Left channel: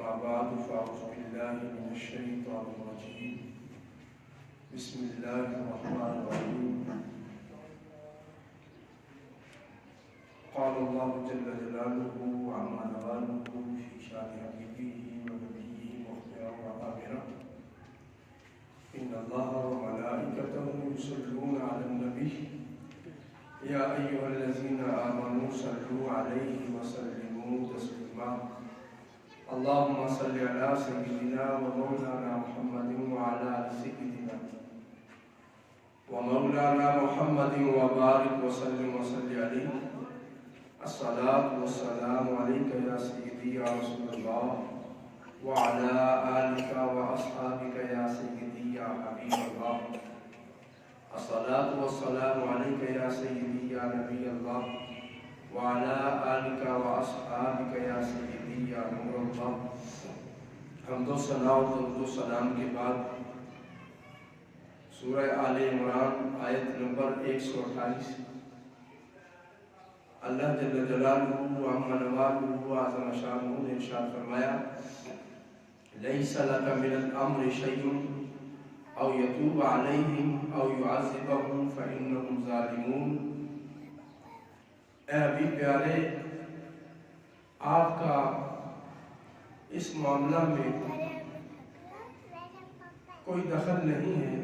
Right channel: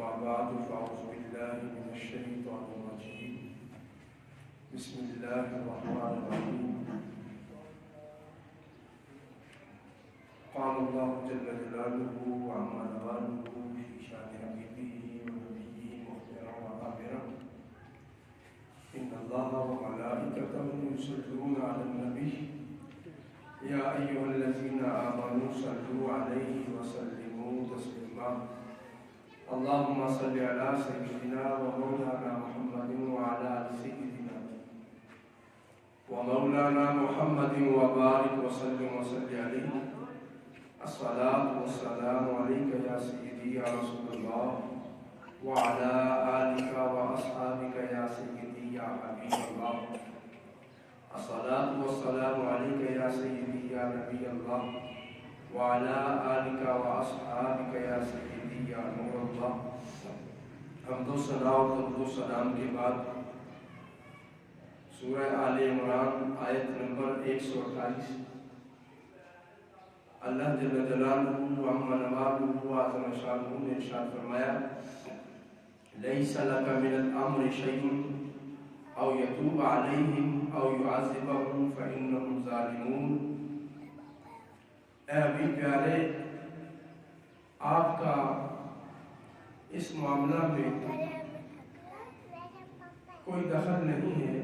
أما بعد فأعوذ بالله من الشيطان الرجيم بسم الله الرحمن الرحيم قال الله جل جلاله وعما نواله في شان حبيبه ونبيه مخبرا وآمرا إن الله وملائكته يصلون على النبي يا أيها الذين آمنوا صلوا عليه وسلموا تسليما اللهم صل على سيدنا ومولانا محمد وعلى آل سيدنا ومولانا محمد وبارك وسلم عليه الصلاة والسلام عليك يا سيدي يا رسول الله وعلى آلك وأصحابك يا سيدي يا حبيب الله الصلاة والسلام عليك يا سيدي يا نبي الله وعلى آلك وأصحابك يا سيدي یا نور اللہ۔ حمد و ثنا و درود و سلام کے بعد سورہ آل عمران آیت نمبر 128 اللہ جل جلالہ وعما نوالہ وعظم شانہ نے ارشاد فرمایا لیس لک من الامر شیء او یتوب علیہم او یعذبہم فانہم ظالمون۔ اے حبیب پیارے، آپ کا اس معاملہ میں کوئی دخل نہیں ہے،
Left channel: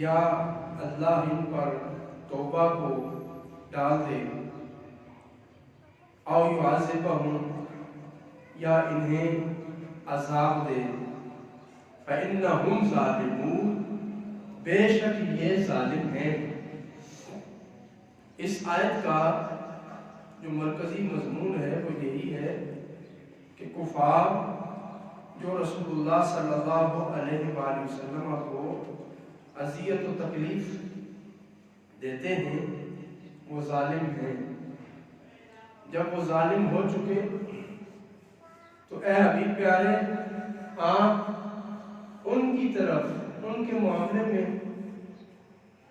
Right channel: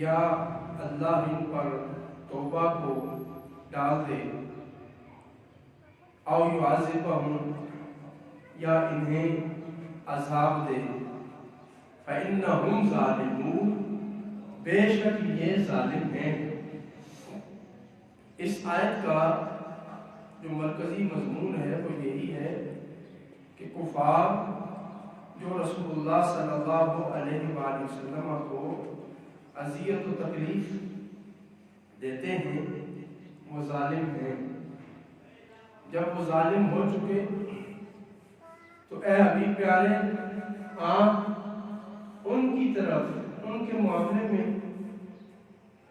یا اللہ ان پر توبہ کو ڈال دے او یعذبہم یا انہیں عذاب دے فإنہم ظالمون، بے شک یہ ظالم ہیں۔ اس آیت کا جو مرکزی مضمون ہے وہ یہی ہے کہ کفار جو رسول اللہ صلی اللہ علیہ وآلہ وسلم کو اذیت و تکلیف دیتے ہیں وہ ظالم ہیں۔ جب وہ ظالم ہو چکے تو اے حبیب پیارے، آپ ان کی طرف ان کے معاملے میں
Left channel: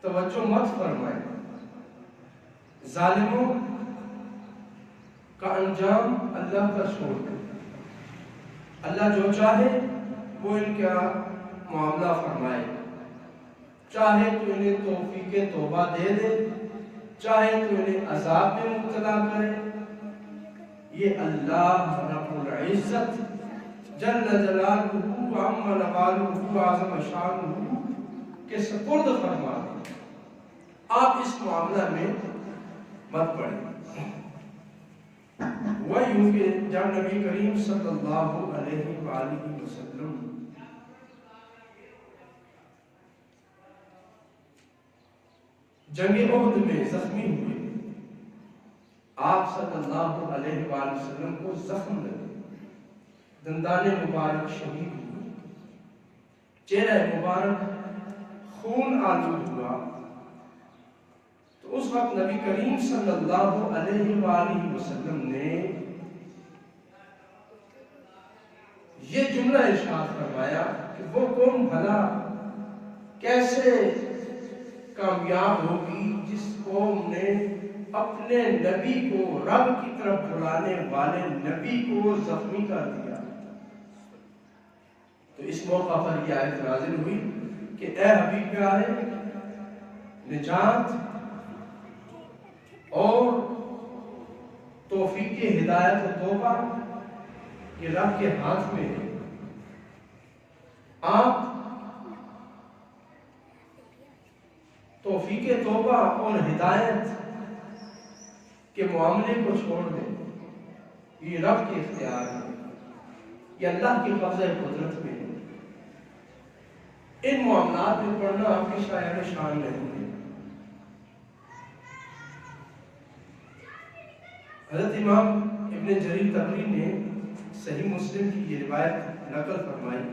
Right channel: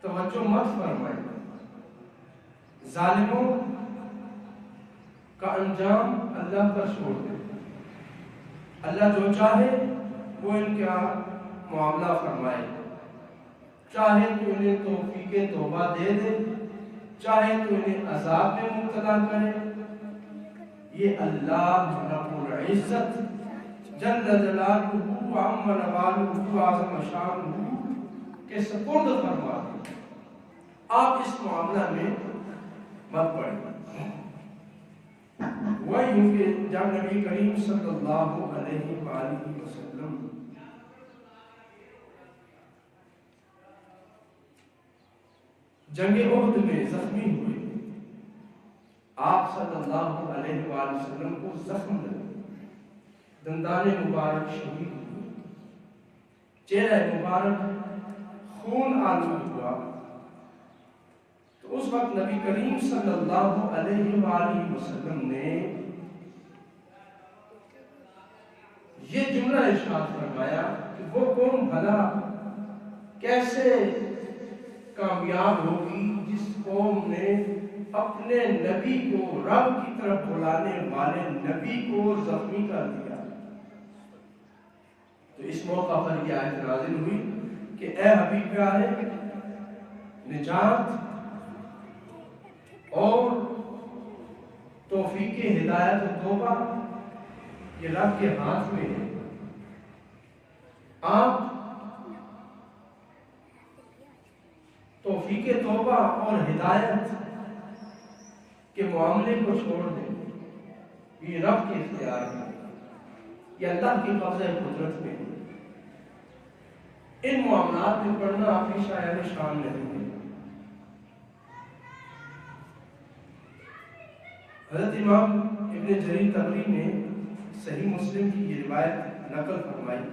توجہ مت فرمائیں۔ ظالموں کا انجام اللہ پر چھوڑ دیں، اللہ جو چاہے وہ ان کا معاملہ فرمائے، چاہے تو انہیں توفیق توبہ دے دے، چاہے تو انہیں عذاب میں مبتلا کرے، یہ اللہ رب العزت جل جلالہ وعظم نوالہ وعظم شانہ کے سپرد فرما دیں۔ آپ اس معاملہ میں مت پڑیں۔ وہ یوں کہ جب نبی کریم صلی اللہ علیہ وآلہ وسلم جنگ احد میں زخمی ہوئے، آپ صلی اللہ علیہ وآلہ وسلم کو زخم لگے، دندان مبارک شہید ہوئے، چہرہ مبارک خون آلود ہوا، تو اس وقت نبی کریم صلی اللہ علیہ وآلہ وسلم نے یہ جملہ ارشاد فرمایا کہ وہ کون بھلا کیسے کامیاب ہوگی جس قوم نے اپنے نبی کو، رب کی طرف بلانے والے نبی کو زخمی کر دیا۔ تو اس موقع پر یہ آیت نازل ہوئی کہ اے حبیب پیارے، نجات اور توفیق ہدایت و توبہ یہ رب کے ہاتھ میں ہے۔ آپ توفیق توبہ اور ہدایت کے معاملے کو چھوڑ دیں، یہ رب کے اختیار میں، یہ اللہ کی قبضہ قدرت میں ہے۔ ان معاملات میں پڑھنا آپ کی شایان شان نہیں ہے۔ حضرت امام ابن جریر طبری نے صحیح مسلم کی یہ روایت نقل فرمائی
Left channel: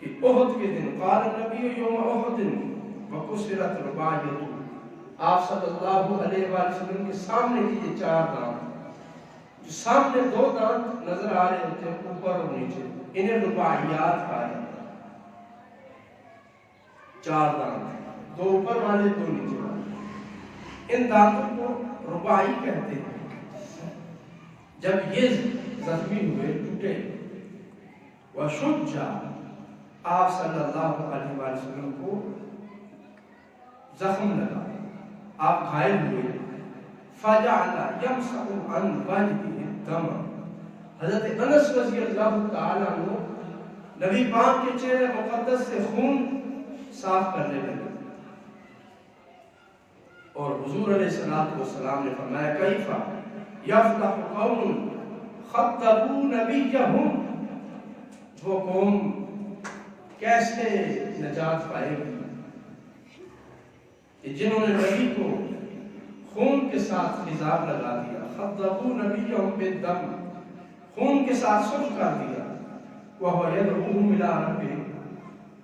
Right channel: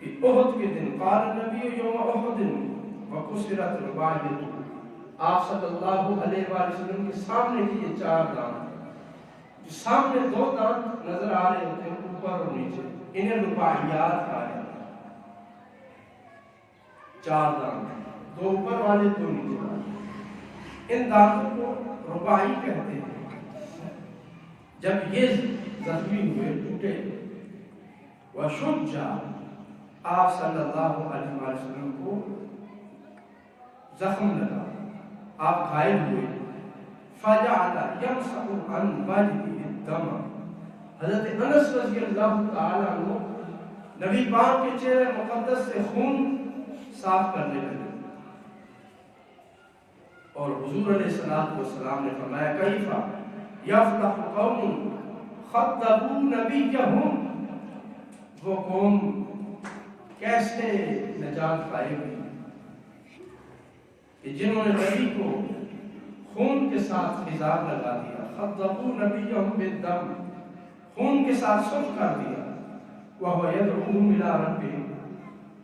کہ احد کے دن قال النبی یوم احد وکسرت رباعیۃ، آپ صلی اللہ علیہ وآلہ وسلم کے سامنے کی یہ چار دانت، جو سامنے دو دانت نظر آ رہے ہوتے ہیں اوپر اور نیچے، انہیں رباعیات کہا جاتا ہے۔ چار دانت، دو اوپر والے دو نیچے والے، ان دانتوں کو رباعی کہتے ہیں۔ جب یہ زخمی ہوئے ٹوٹے، وشجع آپ صلی اللہ علیہ وسلم کو زخم لگا، آپ گھائل ہوئے، فجعل یمسح عن وجهه الدم، حضرت انس رضی اللہ تعالیٰ عنہ نبی پاک کے چہرے مقدس سے خون صاف کرنے لگے، اور حضور علیہ السلام نے فرمایا کیف یفلح قوم خطبوا نبیہم، وہ قوم کیسے نجات پائے گی کہ جنہوں نے نبی کو خون کے ساتھ خضاب لگا دیا، خطبوا نبیہم بالدم، خون کے ساتھ صلح کر دیا، وَهُوَ يَدْعُوهُمْ إِلَىٰ رَبِّهِمْ،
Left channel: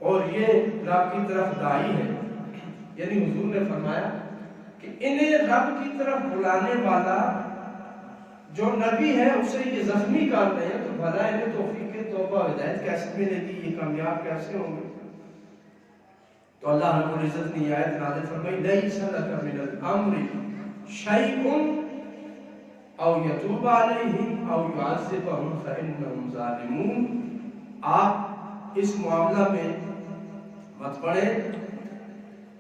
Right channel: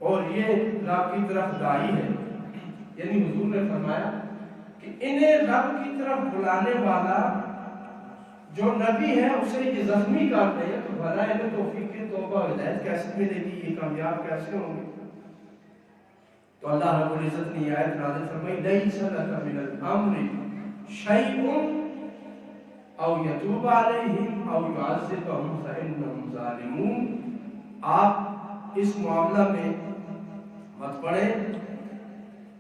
اور یہ رب کی طرف داعی ہے، یعنی حضور نے فرمایا کہ انہیں رب کی طرف بلانے والا جو نبی ہے اسے یہ زخمی کر رہے ہیں، تو بھلا انہیں توفیق توبہ و ہدایت کیسے ملے گی، یہ کامیاب کیسے ہوں گے؟ تو اللہ رب العزت نے آیت نازل فرمائی لَيْسَ لَكَ مِنَ الْأَمْرِ شَيْءٌ او یتوب علیہم او یعذبہم فإنہم ظالمون، آپ اس معاملہ میں مت پڑے،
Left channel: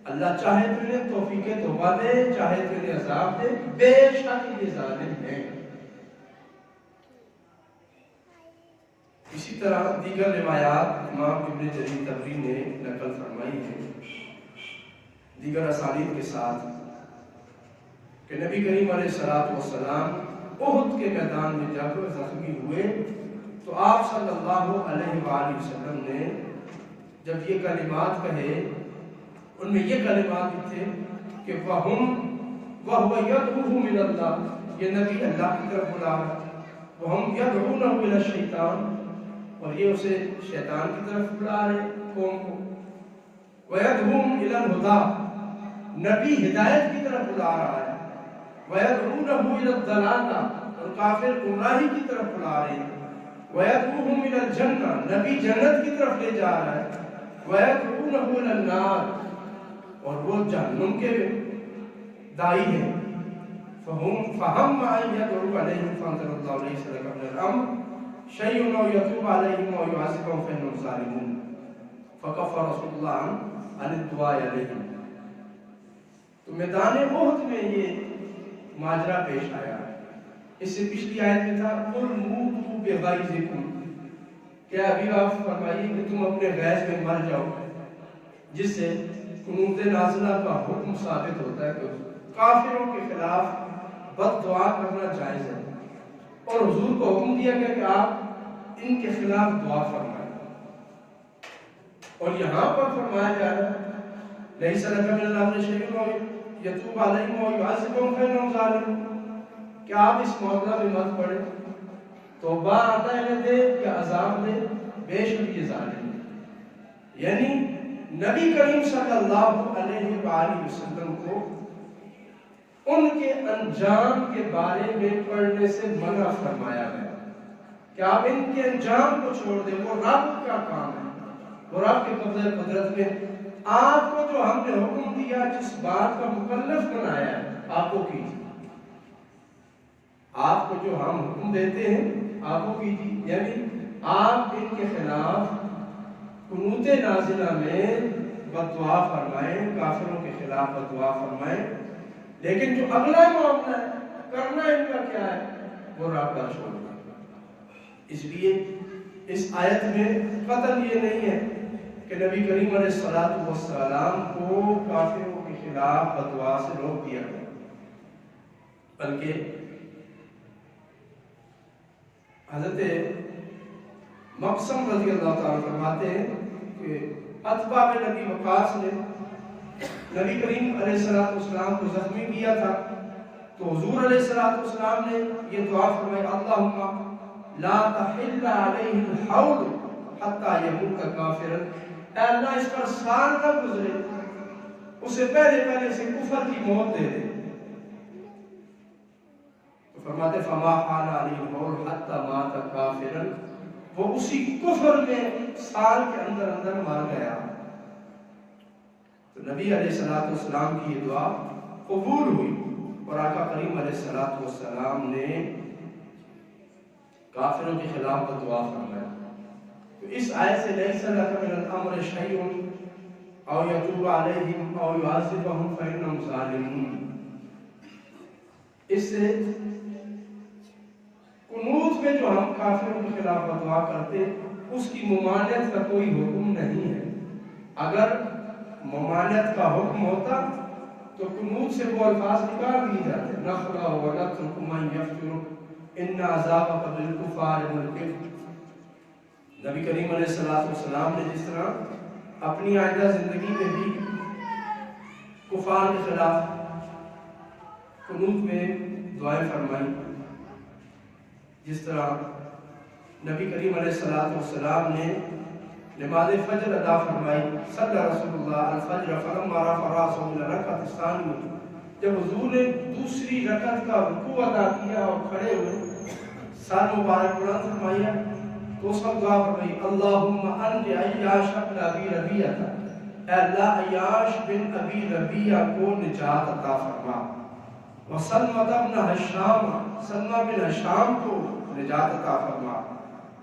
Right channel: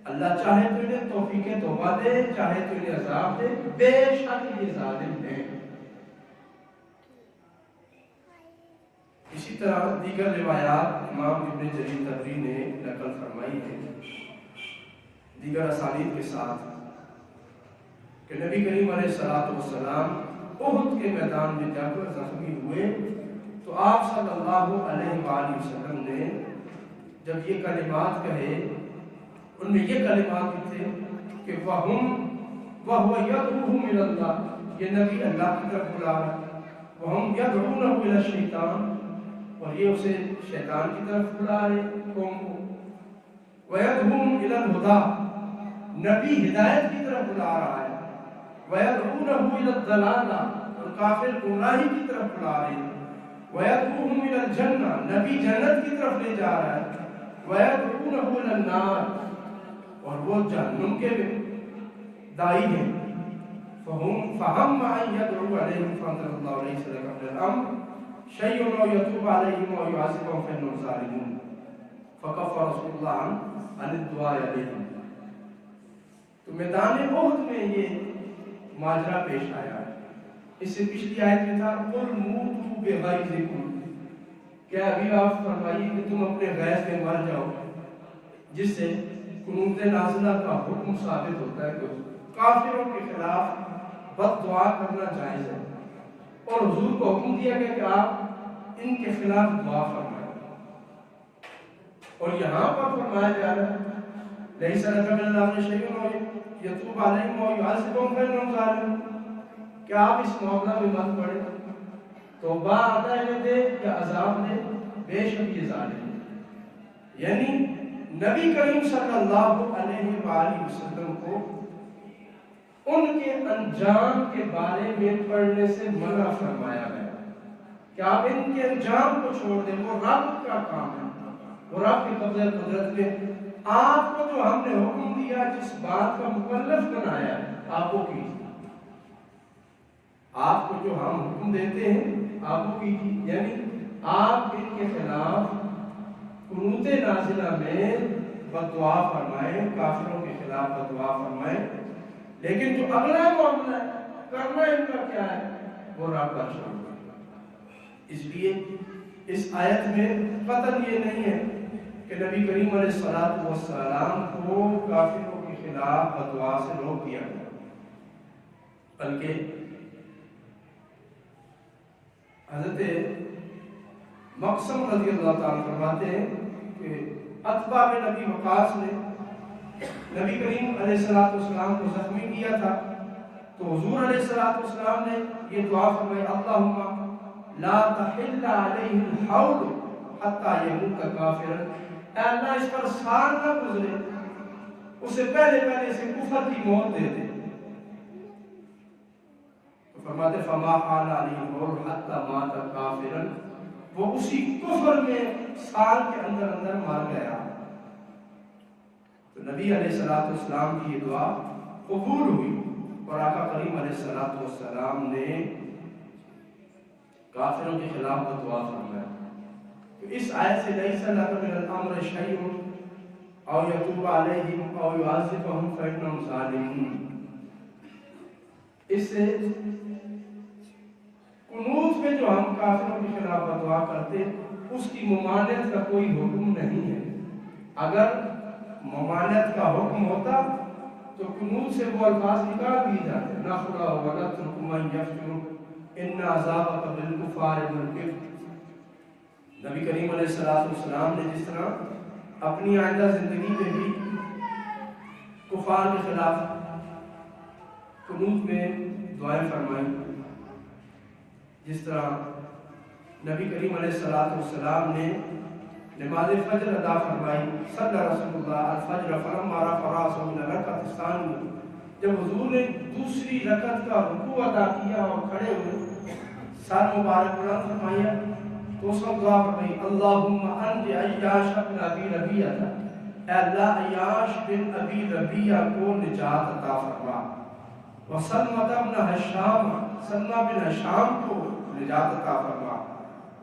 اللہ چاہے تو انہیں توفیق توبہ دے، چاہے تو انہیں عذاب دے، بے شک یہ ظالم ہیں۔ اسی طرح دیگر روایات امام ابن جریر طبری نے نقل فرمائی ہے دیگر اسانید کے ساتھ کہ نبی کریم علیہ السلام احد کے میدان میں جب زخمی ہوئے تو آپ صلی اللہ علیہ وآلہ وسلم نے جب یہ کلمات کہے، ان میں یہ کلمات بھی تھے کہ وَهُوَ يَدْعُوهُ مِنَ اللَّهِ، یہ نبی اللہ کی طرف بلا رہا، وَهُمْ يَدْعُونَهُ إِلَى الشَّيْطَانِ، اور یہ اسے شیطان کی طرف بلا رہے قوم کو، وَيَدْعُوهُمْ إِلَى الْهُدَىٰ، نبی ہدایت کی طرف بلا رہا ہے، وَيَدْعُونَهُ إِلَى الضَّلَالَةِ، اور کافر گمراہی کی طرف بلا رہے ہیں، وَيَدْعُوهُمْ إِلَى الْجَنَّةِ، نبی جنت کی طرف لے جا رہا ہے، وَيَدْعُونَهُ إِلَى النَّارِ، اور وہ جہنم کے دائی ہیں، فَهَمَّ أَن يَدْعُوا عَلَيْهِمْ فَأَنزَلَ اللَّهُ لَيْسَ لَكَ مِنَ الْأَمْرِ شَيْءٌ أَوْ يَتُوبَ عَلَيْهِمْ أَوْ يُعَذِّبَهُمْ فَإِنَّهُمْ ظَالِمُونَ، فَكَفَّ رَسُولُ اللَّهِ عَنِ الدُّعَاءِ عَلَيْهِمْ۔ تو میدان احد میں یہ ماجرا پیش آیا، اس سے پچھلی آیت میں تھا قُلْ مُوتُوا بِغَیظِکُمْ، کیا ابھی آپ فرمائیے کہ تم اپنے غیظ میں مر جاؤ، جس سے قنوت نازلہ کا حکم ثابت ہوتا ہے کہ کافروں کے خلاف بد دعا کرنا جائز ہے، اور حضور کو حکم دیا گیا کہ آپ ان کے خلاف دعا فرمائیں، اور یہاں پر فرمایا جا رہا ہے لَيْسَ لَكَ مِنَ الْأَمْرِ شَيْءٌ أَوْ يَتُوبَ عَلَيْهِمْ أَوْ يُعَذِّبَهُمْ فَإِنَّهُمْ ظَالِمُونَ، کہ آپ اس معاملہ میں مت پڑے، توبہ عطا دے یا عذاب دے، بے شک یہ ظالم ہے۔ یعنی نبی کریم صلی اللہ علیہ وآلہ وسلم کو ان کے انجام کے بارے میں پڑھنے سے منع فرمایا گیا کہ آپ ان کے انجام کو چھوڑ دیں، وہ رب کا کام ہے، وہ رب کے قبضہ قدرت میں آپ کو جو ہم نے حکم دیا، جس بات کا مکلف بنایا ہے آپ کو کیجیے، آپ کو جو ہم حکم دیتے ہیں آپ کو کیجیے، یعنی آپ ان کے خلاف قنوت نازلہ میں بد دعا فرمائیں، کافروں کے خلاف بد دعا فرمائیں، لیکن جو اگلا معاملہ ہے کرنا ان کا کیا ہے وہ رب کا چھوڑ دیں۔ اس لیے اس آیت میں قطعاً یہ نہیں ہے کہ نبی کریم علیہ السلام کو کافروں کے خلاف بد دعا سے روک دیا گیا، بلکہ حضرت مقسم رضی اللہ تعالیٰ فرماتے ہیں کہ عتبہ بن نبی وقاص نے نبی کریم علیہ السلام کو زخمی کیا تھا، تو حضور علیہ السلام نے یہ دعا فرمائی اللہم لا تحل علیہ الحول حتی یموت کافرا، اے اللہ اس پر سال نہ گزرے، اسے پہلے سے کفر کی موت دے دے۔ تو فرماتے فما حال علیہ الحول حتی مات کافرا، وہ اسی کفر میں سال کے اندر مر گیا۔ تو نبی علیہ السلام کی یہ دعا قبول ہوئی، اور آقا کریم علیہ السلام نے کافروں کے خلاف بددعا فرمایا۔ تو اس آیت سے لیس لک من الامر شیء او یتوب علیہم او یعذبہم فانہم ظالمون، اس سے قنوت میں جو ہم کافروں کے خلاف بددعا کرتے اس کی ممانعت کا کوئی حکم نہیں ہے۔ اگر ممانعت کا حکم ہوتا تو قنوت سے وہ الفاظ نکال دیے جاتے، نخلا ونترک من یفجر ان عذابک بالکفار منکر۔ نبی کریم علیہ السلام نے جس طرح اپنی آئندہ زندگی میں بھی کفار کے خلاف قنوت میں دعائیں فرمائیں، جس طرح نبی کریم علیہ السلام نے نماز فجر ادا فرمائی، صلی رسول اللہ الفجر فلما رفع راسه من الرکعۃ الثانیہ، جب حضور نے دوسری رکعت کا رکوع ادا کیا اور کھڑے ہوئے سر مبارک بلند فرمایا تو اس وقت دعا فرمائی، اللہم انج عیاش بن ابی ربیعہ، اے اللہ عیاش بن ابی ربیعہ کو نجات عطا فرما، وسلمہ بن ہشام، سلمہ بن ہشام کو نجات عطا فرما،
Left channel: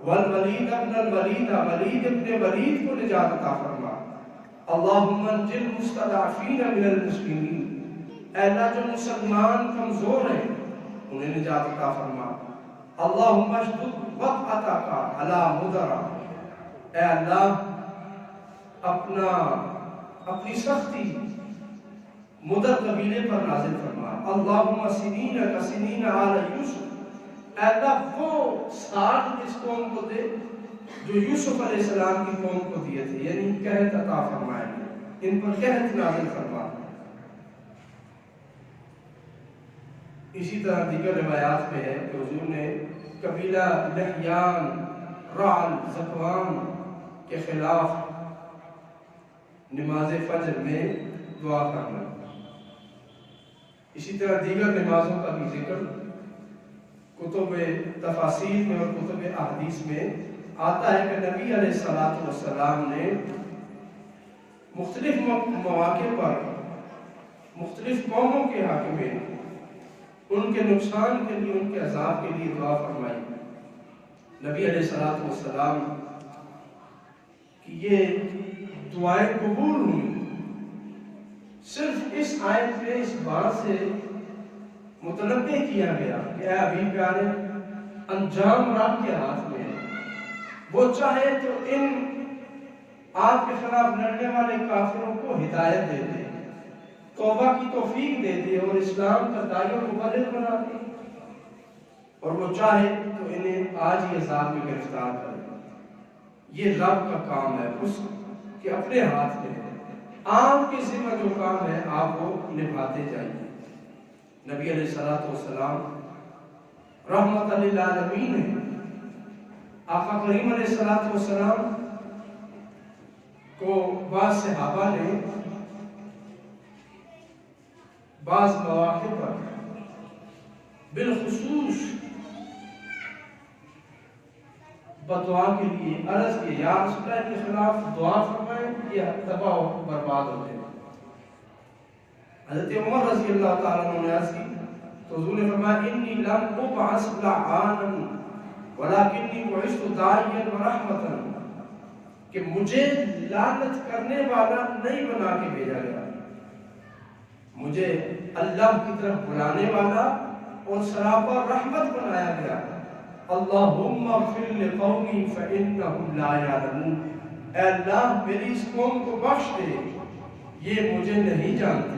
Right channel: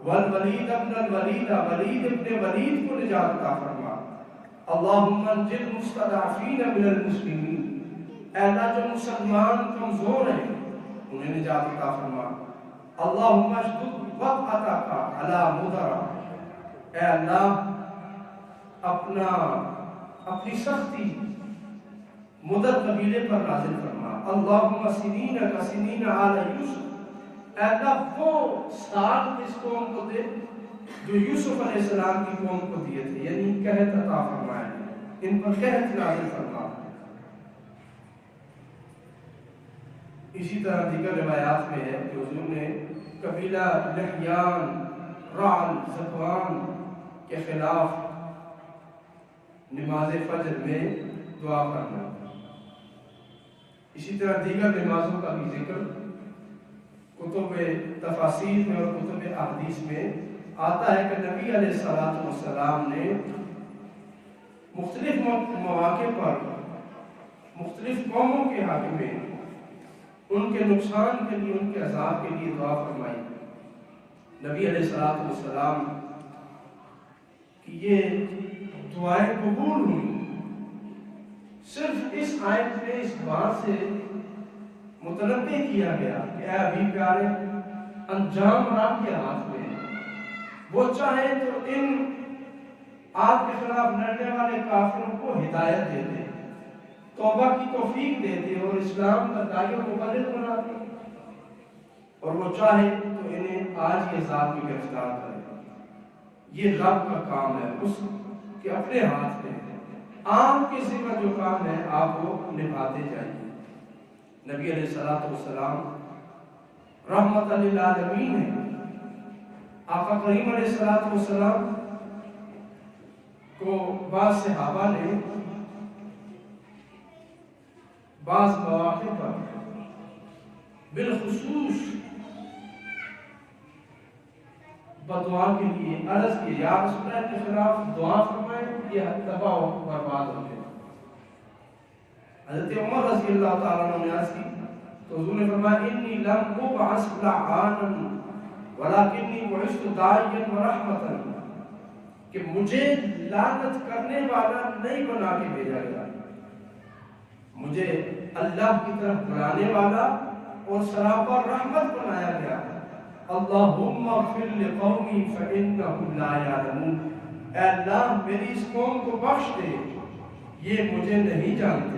والولید ابن الولید، ولید ابن ولید کو نجات عطا فرما، اللہم انجل مستضعفین من المسلمین، اے اللہ جو مسلمان کمزور ہیں انہیں نجات عطا فرما، اللہم اشدد وطأتک علی مدر، اے اللہ اپنی سختی مدر قبیلے پر نازل فرما، اللہم سنین کسنین آل یوسف، اے اللہ وہ سال اس قوم کو دے جو یوسف علیہ السلام کی قوم کو دیے تھے، یعنی قحط عطا فرمائے، ان پر قحط نازل فرما۔ اسی طرح دیگر روایات میں ہے کہ حضور نے قبیلہ لحیان، رعل، ذکوان کے خلاف نماز فجر میں دعا کرنا۔ اسی طرح دیگر نمازوں کا بھی ذکر کتب تفاسیر میں اور کتب احادیث میں آتا ہے کہ نبی علیہ السلام نے مختلف مواقع پر مختلف قوموں کے حق میں ان کے نقصان کے لیے، ان کے عذاب کے لیے دعا فرمائی۔ نبی علیہ السلام کی یہ دعائیں قبول ہوئی صرف اس آیت میں اس بات سے متنبہ کیا گیا کہ اے ابھی پیارے، انجام رب کے ہاتھ میں ہے، وہ چاہے تو ان آپ کے خلاف لڑنے والے کافروں کو ہدایت دے دے، توبہ کی توفیق دے دے اور اسلام کا داعی و مبلغ بنا دے، اور وہ چاہے تو انہیں آج ہی عذاب میں گرفتار کرے۔ یہ رب کا کام ہے، اس کے اپنے ہاتھ میں ہے، آپ کے ذمہ جو کام ہے آپ وہ نبھاتے جائیے۔ نبی علیہ السلام رحمت للعالمین ہے۔ آقا کریم علیہ السلام کو بعض صحابہ نے بعض مواقع پر بالخصوص بدعا کے لیے عرض کی، یا رسول اللہ کے خلاف دعا فرمائیں، یہ تباہ و برباد ہو جائے۔ حضرت عمر رضی اللہ تعالیٰ عنہ نے عرض کی تو حضور نے فرمایا، انی لم ابعث لعانا ولکنی بعثت داعیا ورحمتا، کہ مجھے لعنت کرنے والا نہیں بنا کے بھیجا گیا، مجھے اللہ کی طرف بلانے والا اور سراپا رحمت بنایا گیا۔ اللہم اغفر لقومی فإنہم لا یعلمون، اے اللہ میری اس قوم کو بخش دے، یہ مجھے نہیں جانتے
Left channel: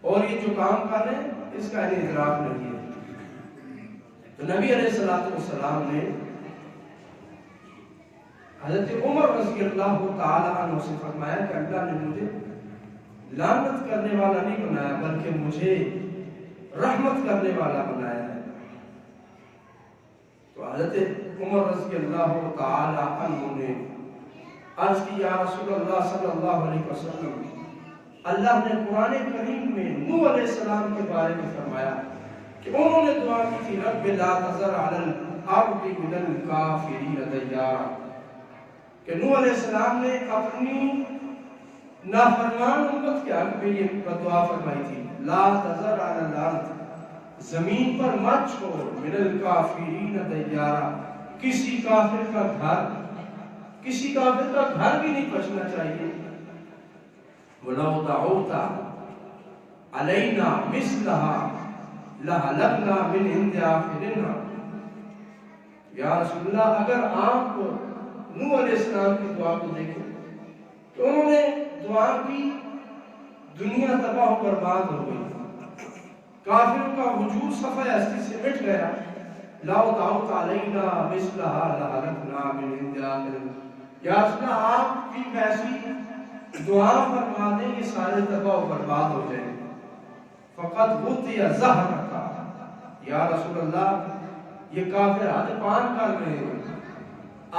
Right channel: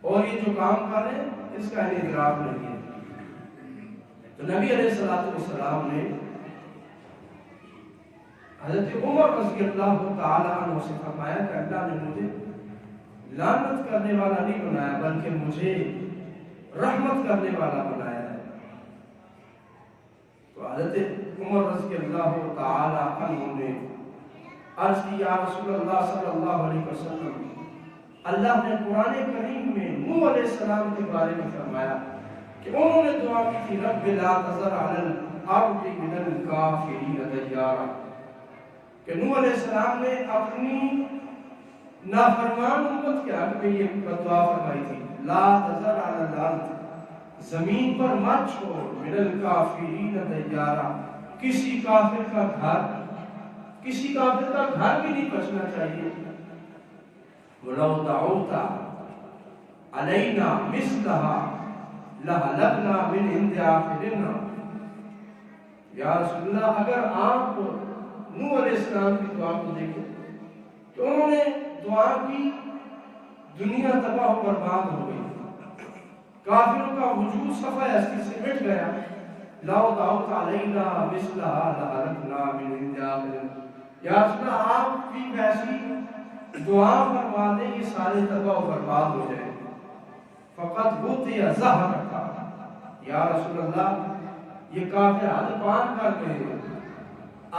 اور یہ جو کام کر رہے ہیں اس کا انہیں ادراک نہیں ہے۔ تو نبی علیہ السلام نے حضرت عمر رضی اللہ تعالیٰ عنہ سے فرمایا کہ اللہ نے مجھے لعنت کرنے والا نہیں بنایا بلکہ مجھے رحمت کرنے والا بنایا ہے۔ تو حضرت عمر رضی اللہ تعالیٰ عنہ نے عرض کی، یا رسول اللہ صلی اللہ علیہ وسلم، اللہ نے قرآن کریم میں نوح علیہ السلام کے بارے میں فرمایا کہ انہوں نے دعا کی تھی، رب لا تذر علی الارض من الکافرین دیارا، کہ نوح علیہ السلام نے اپنی نافرمان امت کے حق میں یہ دعا فرمائی تھی، لا تذر علی الارض زمین پر مت چھوڑ من الکافرین دیارا، کسی کافر کا گھر بھی نہیں بچنا چاہیے. وَلَوْ دَعَوْتَ عَلَيْنَا مِثْلَهَا لَهَلَكْنَا مِنْ عِنْدِ آخِرِنَا. یا رسول اللہ، اگر آپ نوح علیہ السلام کی دعا کو دیکھیں تو انہوں نے دعا کی، دنیا تباہ و برباد ہو گئی، کافروں کا وجود صفحہ ہستی سے مٹ گیا. لَوْ دَعَوْتَ عَلَيْنَا مِثْلَهَا لَهَلَكْنَا مِنْ عِنْدِ آخِرِنَا. یا رسول اللہ، آپ بھی ویسی دعا فرما دیں، یہ سارے تباہ و برباد ہو جائیں گے. فقط غُطِیَ ظَہْرَکَ. یا رسول اللہ، یہ کافر حد پار کر گئے ہیں،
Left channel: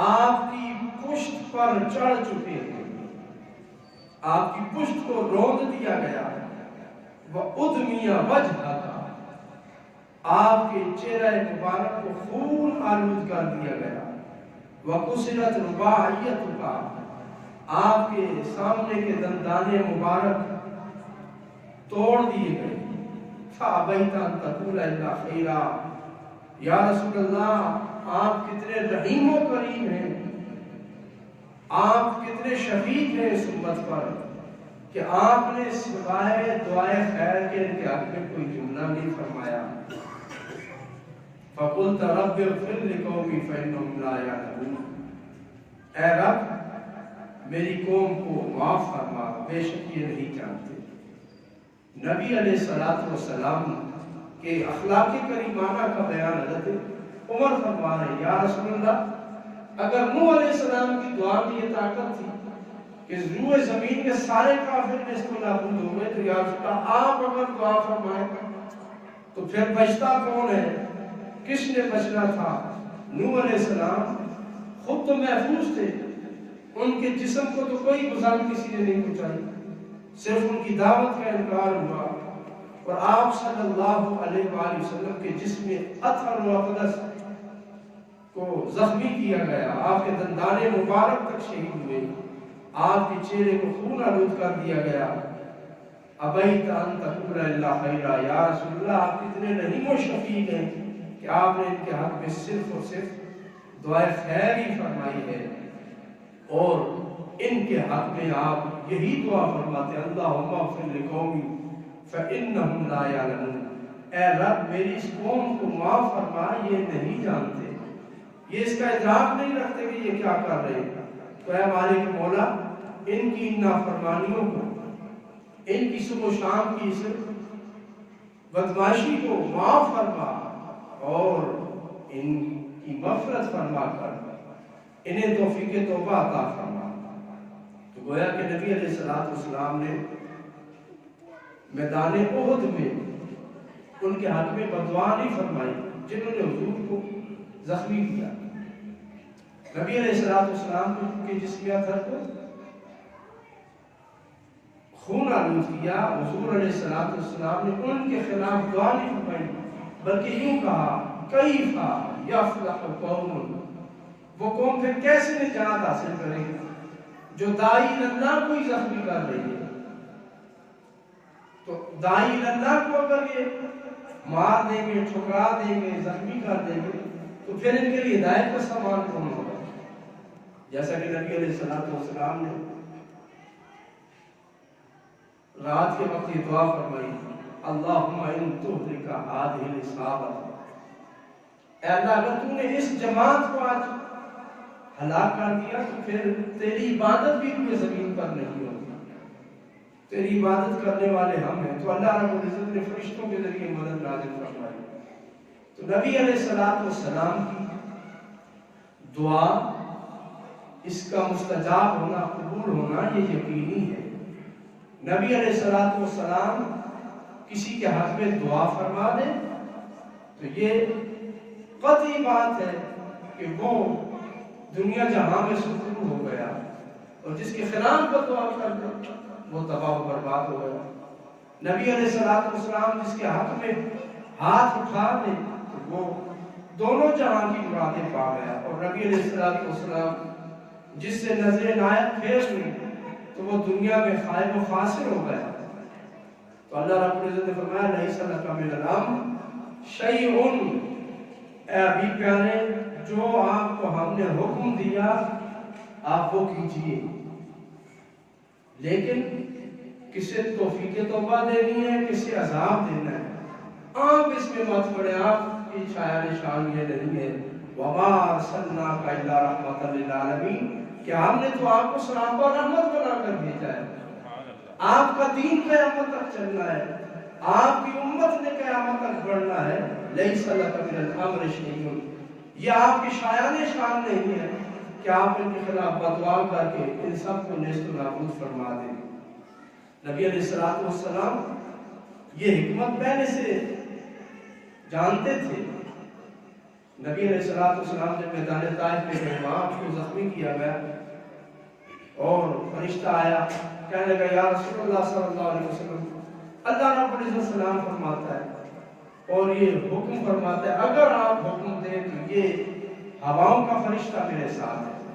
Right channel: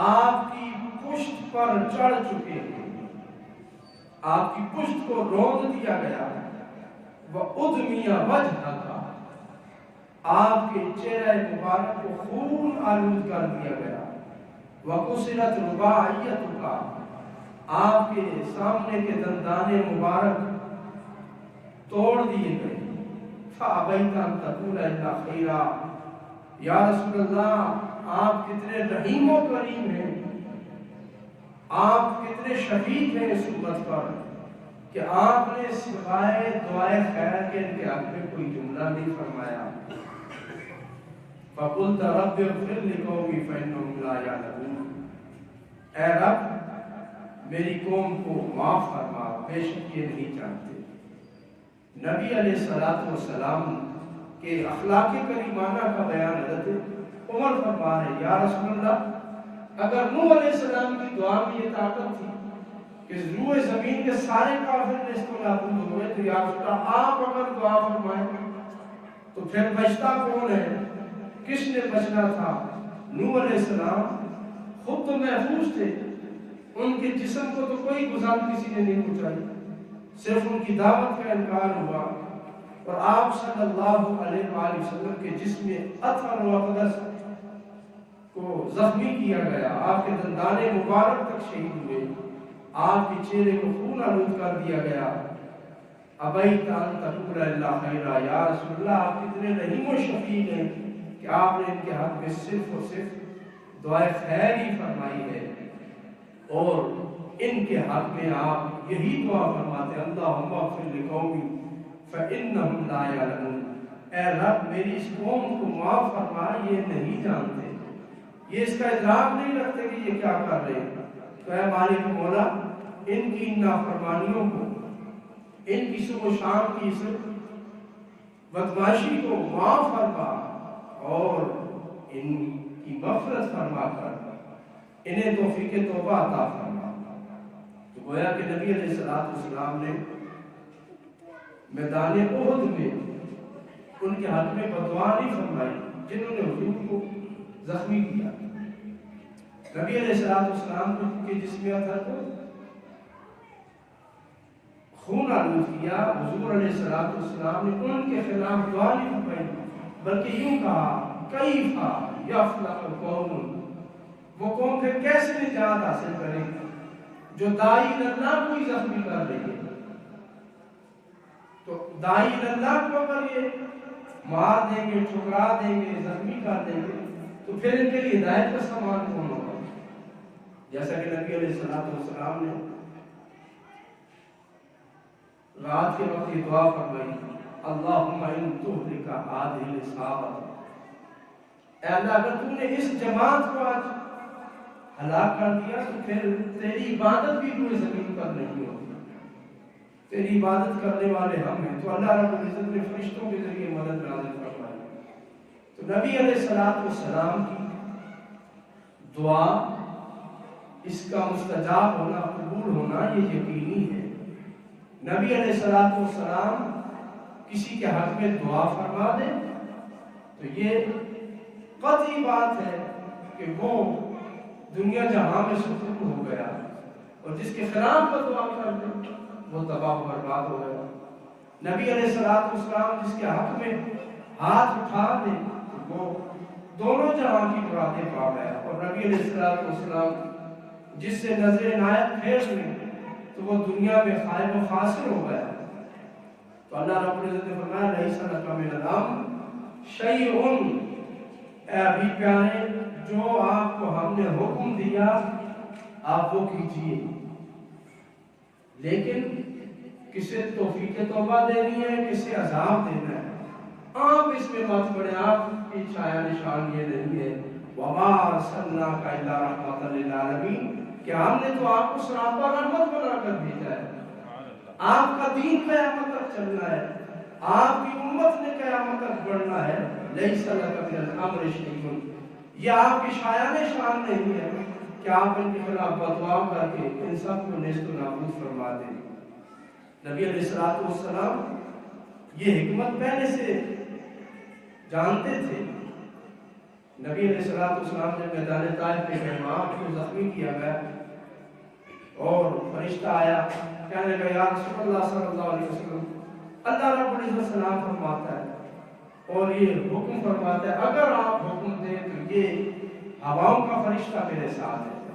آپ کی پشت پر چڑھ چکے ہیں، آپ کی پشت کو روند دیا گیا. وَأُدْمِيَ وَجْهَكَ. آپ کے چہرہ مبارک کو خون آلود کر دیا گیا. وَقُسِرَتْ رُبَاعِيَتُكَ. آپ کے سامنے کے دندان مبارک توڑ دیے گئے. فَأَبَيْتَ أَن تَقُولَ إِلَّا خَيْرًا. یا رسول اللہ، آپ کتنے رحیم و کریم ہیں، آپ کتنے شفیق ہیں اس امت پر کہ آپ نے سوائے دعائے خیر کے ان کے حق میں کوئی جملہ نہیں فرمایا. فَقُلْتَ رَبِّ اغْفِرْ لِقَوْمِي فَإِنَّهُمْ لَا يَعْلَمُونَ. اے رب، میری قوم کو معاف فرما، بے شک یہ نہیں جانتے. نبی علیہ السلام کہ اخلاق کریمانہ کا بیان حضرت عمر فرما رہے، یا رسول اللہ، اگر نوح علیہ السلام کی دعا میں یہ طاقت تھی کہ روح زمین کے سارے کافر نے اس کو نابود ہو گئے، تو یا رسول اللہ، آپ اگر دعا فرمائیں تو پھر بچتا کون ہے؟ کس نے بچنا تھا؟ نوح علیہ السلام خود تو محفوظ تھے، ان کے جسم کو تو کوئی گزار کسی نے نہیں پہنچائی، صرف ان کی دعوت کا انکار ہوا. اور آپ صلی اللہ علیہ وآلہ وسلم کے جسم اطہر و اقدس کو زخمی کیا گیا، آپ کے دندان مبارک تک شہید ہوئے، آپ کے چہرے کو خون آلود کر دیا گیا. ابیت ان تقول الا خیرا. یا رسول اللہ، آپ کتنے رحیم و شفیق ہیں کہ آپ نے ان کے حق میں صرف اور صرف دعائے خیر ہی فرمائی ہے، اور ان کے حق میں آپ یہی دعا فرماتے ہیں، اللہم اغفر لقومی فَإِنَّهُمْ لَا يَعْلَمُونَ. اے رب، میری اس قوم کو معاف فرما، یہ نہیں جانتے، یہ اس کا ادراک نہیں رکھتے کہ یہ کیا کر رہے ہیں. تو اے مالک مولا، ان کی نافرمانیوں کو، ان کی صبح و شام کی اس بدماشی کو معاف فرما، اور ان کی مغفرت فرما کر انہیں توفیق توبہ عطا فرما. تو گویا کہ نبی علیہ السلام نے میدان احد میں ان کے حق میں بددعا نہیں فرمائی جنہوں نے حضور کو زخمی کیا. نبی علیہ السلام کے جسم اطہر کو خون آلود کیا. حضور علیہ السلام نے ان کے خلاف دعا نہیں فرمائی، بلکہ یوں کہا، کیف یفلح قوم. وہ قوم پھر کیسے نجات حاصل کرے گی جو داعی اللہ کو ہی زخمی کر رہی ہے. تو داعی اللہ کو اگر یہ مار دیں گے، ٹھکرا دیں گے، زخمی کر دیں گے، تو پھر ان کے لیے ہدایت کا سامان کون ہوگا؟ جیسا کہ نبی علیہ السلام نے رات کے وقت یہ دعا فرمائی، اللہم ان تہلک ہذہ العصابۃ. اے اللہ، اگر تو نے اس جماعت کو آج ہلاک کر دیا تو پھر تیری عبادت بھی کوئی زمین پر نہیں ہوگی. تیری عبادت کرنے والے ہم ہیں. تو اللہ رب العزت نے فرشتوں کے ذریعے مدد نازل فرمائی. تو نبی علیہ السلام کی دعا، اس کا مستجاب ہونا، قبول ہونا، یہ یقینی ہے. نبی علیہ السلام کسی کے حق میں دعا فرما دے تو یہ قطعی بات ہے کہ وہ دنیا جہاں میں سکون ہو گیا، اور جس کے خلاف وہ دعا کر دے وہ تباہ و برباد ہو گیا. نبی علیہ السلام جس کے حق میں ہاتھ اٹھا دے تو وہ دونوں جہاں کی مرادیں پا گیا. اور نبی علیہ السلام جس سے نظر عنایت پھیر لی تو وہ دنیا میں خائب و خاسر ہو گیا. تو اللہ رب العزت نے فرمایا، لیس لک من الامر شیئن، اے ابھی پیارے جو آپ کو ہم نے حکم دیا آپ وہ کیجئے، لیکن کسے توفیق توبہ دینی ہے، کسے عذاب دینا ہے، آپ اس میں مت پڑے۔ آپ کی شاید نشان یہ نہیں ہے وَمَا أَرْسَلْنَاكَ إِلَّا رَحْمَةً لِلْعَالَمِينَ کہ ہم نے تو آپ کو سراپا رحمت بنا کر بھیجا ہے۔ آپ کا دین قیامت تک چلنا ہے، آپ کی امت نے قیامت تک بڑھنا ہے۔ لَيْسَ لَكَ مِنَ الْأَمْرِ شَيْءٌ، یہ آپ کی شایان شان نہیں ہے کہ آپ ان کے خلاف بدعا کر کے ان سب کو نیست و نابود فرما دیں۔ نبی علیہ السلام یہ حکمت پہلے سے جانتے تھے۔ نبی علیہ السلام جب میدان طائف پہ گئے، وہاں کو زخمی کیا گیا اور فرشتہ آیا، کہنے لگا یا رسول اللہ صلی اللہ علیہ وسلم، اللہ رب العزت سلام فرماتا ہے اور یہ حکم فرماتا ہے اگر آپ حکم دیں تو یہ ہواؤں کا فرشتہ میرے ساتھ ہے،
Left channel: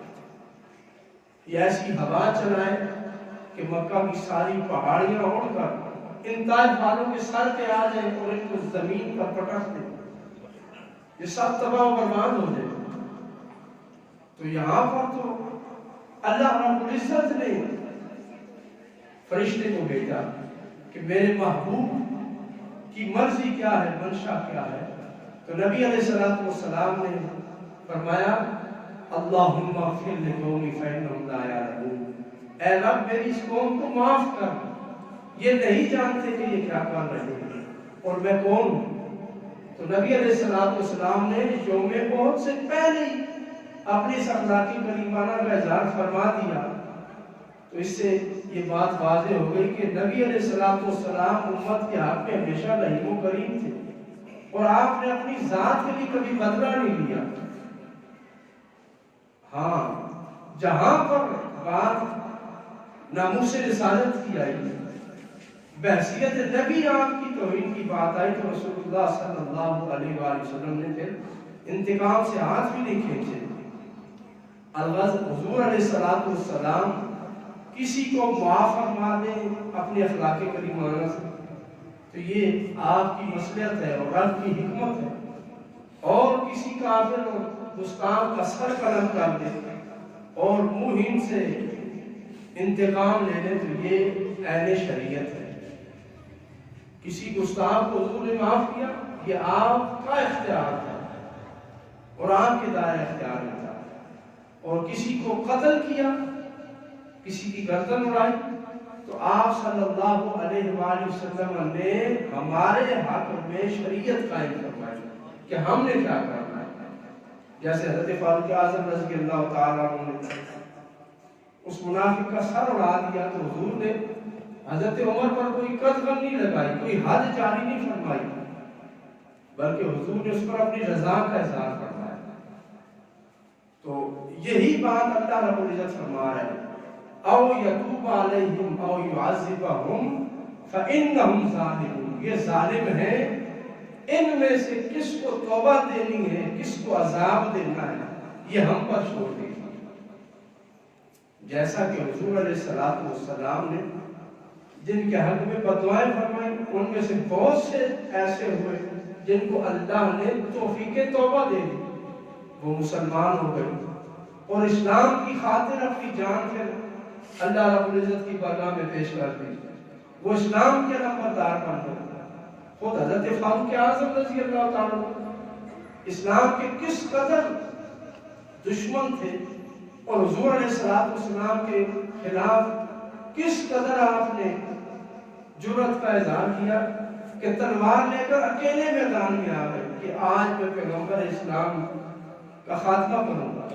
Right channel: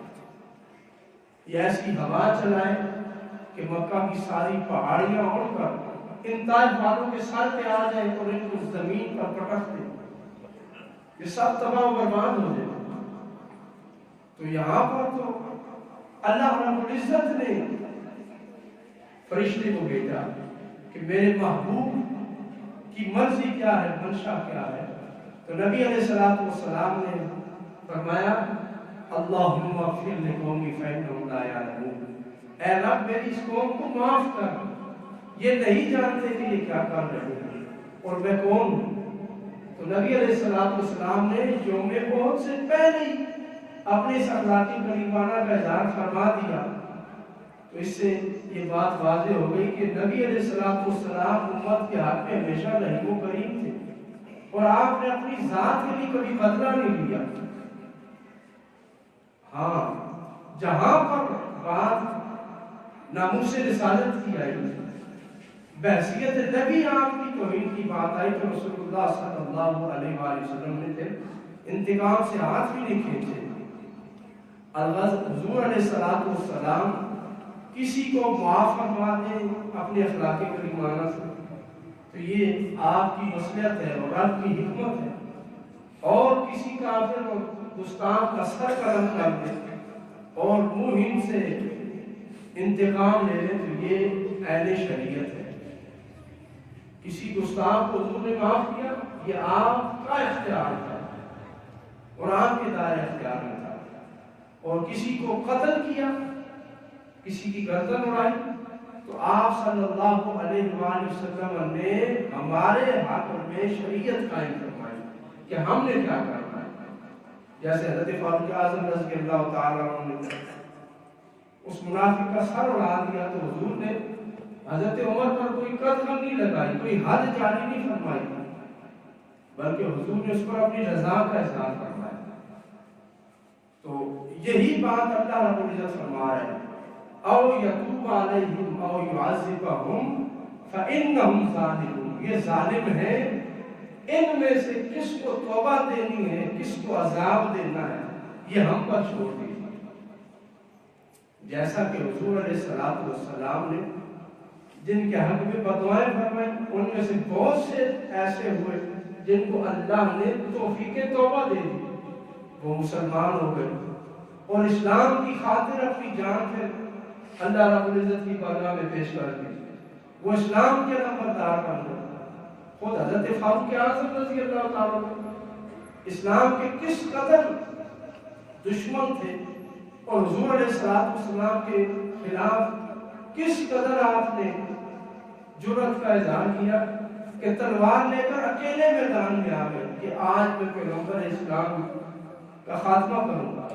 یہ ایسی ہوا چلائے کہ مکہ کی ساری پہاڑیاں اڑ کر ان طائف والوں کے سر پہ آ جائیں اور ان کو زمین پر پٹک دیں، یہ سب تباہ و برباد ہو جائے۔ تو یہاں پر تو اللہ رب العزت نے فرشتے کو بھیجا کہ میرے محبوب کی مرضی کیا ہے، منشا کیا ہے۔ تو نبی علیہ السلام نے فرمایا اللہم اغفر لقومی فإنہم لا یعلمون، اے رب میری اس قوم کو معاف کر، یہ نہیں جانتے کہ یہ کیا کر رہے ہیں اور میں کون ہوں۔ تو نبی علیہ السلام نے یوم احد سے پہلے ہی اپنے اس اخلاقی کریمانہ کا اظہار فرما دیا۔ تو اس سے یہ بات واضح ہو گئی کہ نبی علیہ السلام امت کے حق میں ہمیشہ رحیم و کریم تھے اور آپ نے اپنی ذات کے لیے کبھی بدلہ نہیں لیا۔ ہاں جہاں پر بات ناموس رسالت کی آئی، بحثیت نبی آپ کی توہین کی بات آئی تو رسول اللہ صلی اللہ علیہ وآلہ وسلم نے پھر انتقام سے ہاتھ بھی نہیں کھینچے۔ الغرض حضور علیہ السلام کسی کو معاف فرما دیں اپنے اخلاق کریمانہ سے تو یہ آپ کی مصلحت ہے اور رب کی حکمت ہے، اور کسی کافر اور گستاخ کا سر قلم کر دے اور موہین سے انتقام لے لے تو یہ عین شریعت ہے۔ کسی گستاخ کو حضور نے معاف کیا، یہ آپ کا اختیار تھا اور آپ کے دائرہ اختیار میں تھا، اور کسی کو قتل کیا، کسی کی گردن اڑائی تو آپ صلی اللہ علیہ وآلہ وسلم نے ہمارے حق میں شریعت قائم فرمائی کہ ہم نے کیا کرنا ہے۔ جیسے حضرت فاروق اعظم رضی اللہ تعالیٰ عنہ نے اس منافق کا سر اڑا دیا تو حضور نے حضرت عمر پر کوئی قدغن نہیں لگائی، کوئی حد جاری نہیں فرمائی، بلکہ حضور نے اس پر اپنی رضا کا اظہار فرمایا۔ تو یہی بات اللہ رب العزت فرما رہے ہیں او یتوب علیہم او یعذبہم فإنہم ظالمون، یہ ظالم ہیں، ان میں سے کس کو توبہ دینی ہے کس کو عذاب دینا ہے یہ ہم پر چھوڑ دیجیے۔ جیسا کہ حضور علیہ السلام نے جن کے حق میں بدعائیں فرمائیں ان میں سے بہت سے ایسے ہوئے جن کو اللہ نے توفیق توبہ دے دی، وہ مسلمان ہو گئے اور اسلام کی خاطر اپنی جان پھر اللہ رب العزت کی بارگاہ میں پیش کر دی، وہ اسلام کے نامبردار بن گئے۔ خود حضرت فاروق اعظم رضی اللہ تعالیٰ اسلام کے کس قدر دشمن تھے اور حضور علیہ السلام کے خلاف کس قدر آپ نے جرأت کا اظہار کیا کہ تلوار لے کر اکیلے میدان میں آ گئے کہ آج میں پیغمبر اسلام کا خاتمہ کروں گا۔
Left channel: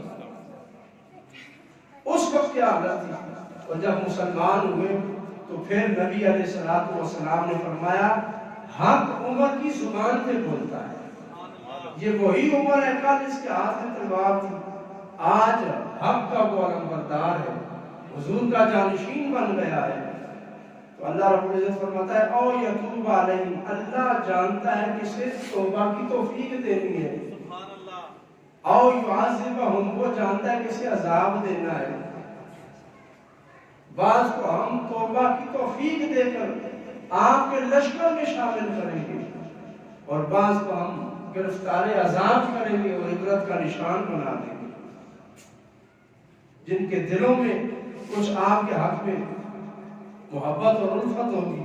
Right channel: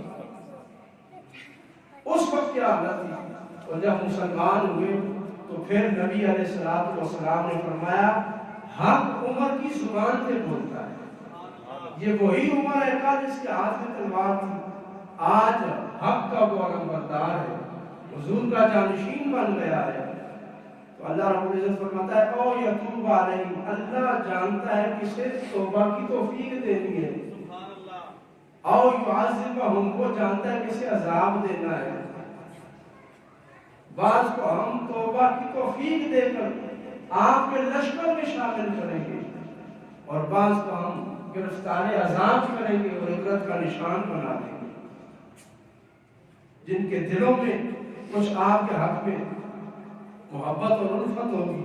اس وقت کیا حالت تھی، اور جب مسلمان ہوئے تو پھر نبی علیہ السلام نے فرمایا حق عمر کی زبان پہ بولتا ہے، یہ وہی عمر ہے جس کے ہاتھ میں تلوار تھی، آج حق کا وہ علمبردار ہے، حضور کا جانشین بن گیا ہے۔ تو اللہ رب العزت فرماتا ہے او یتوب علیہم، اللہ جانتا ہے کسے توبہ کی توفیق دینی ہے، او یعذبہم، وہ جانتا ہے کسے عذاب دینا ہے۔ بعض کو ہم توبہ کی توفیق دے کر آپ کے لشکر میں شامل کریں گے اور بعض کو ہم گرفتار عذاب کریں گے اور عبرت کا نشان بنا دیں گے، جن کے دلوں میں کچھ آپ کے حق میں محبت اور الفت ہوگی،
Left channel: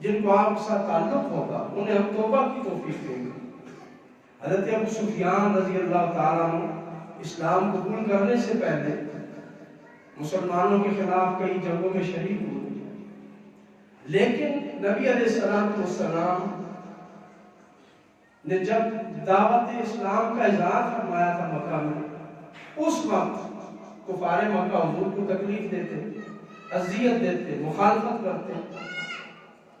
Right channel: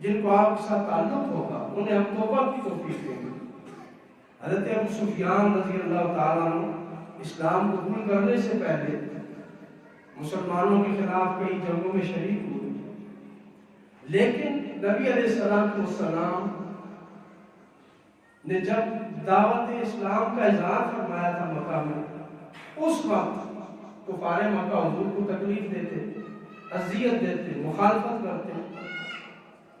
جن کو آپ کے ساتھ تعلق ہوگا، انہیں ہم توبہ کی توفیق دیں گے۔ حضرت ابو سفیان رضی اللہ تعالیٰ عنہ اسلام قبول کرنے سے پہلے مسلمانوں کے خلاف کئی جنگوں میں شریک ہوئے، لیکن نبی علیہ السلام نے جب دعوت اسلام کا اظہار فرمایا تھا مکہ میں، اس وقت کفار مکہ حضور کو تکلیف دیتے، اذیت دیتے، مخالفت کرتے،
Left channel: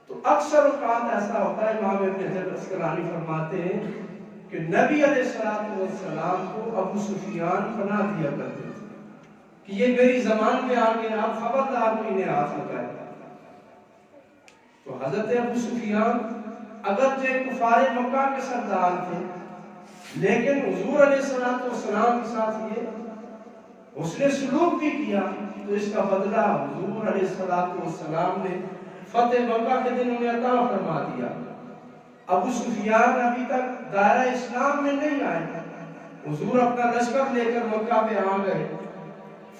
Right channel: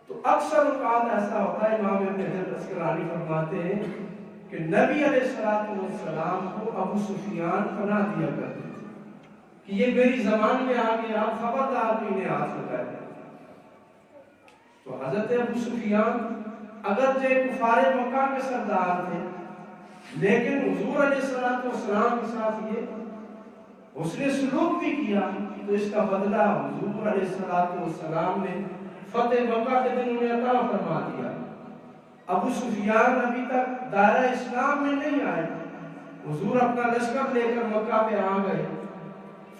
تو اکثر اوقات ایسا ہوتا ہے، امام ابن حجر عسقلانی فرماتے ہیں کہ نبی علیہ السلام کو ابو سفیان پناہ دیا کرتے تھے کہ یہ میری زمان میں آ گئے، آپ خبردار کو انہیں ہاتھ لگائے۔ تو حضرت ابو سفیان اگرچہ کفار مکہ کے سردار تھے، لیکن حضور علیہ السلام کے ساتھ یہ حسن سلوک بھی کیا، تو اس کا بدلہ حضور علیہ السلام نے فتح مکہ کے دن انہیں عطا فرما دیا۔ ابو سفیان ابھی تک دائرہ اسلام میں نہیں آئے، حضور اپنا لشکر لے کر مکہ پہ آ گئے،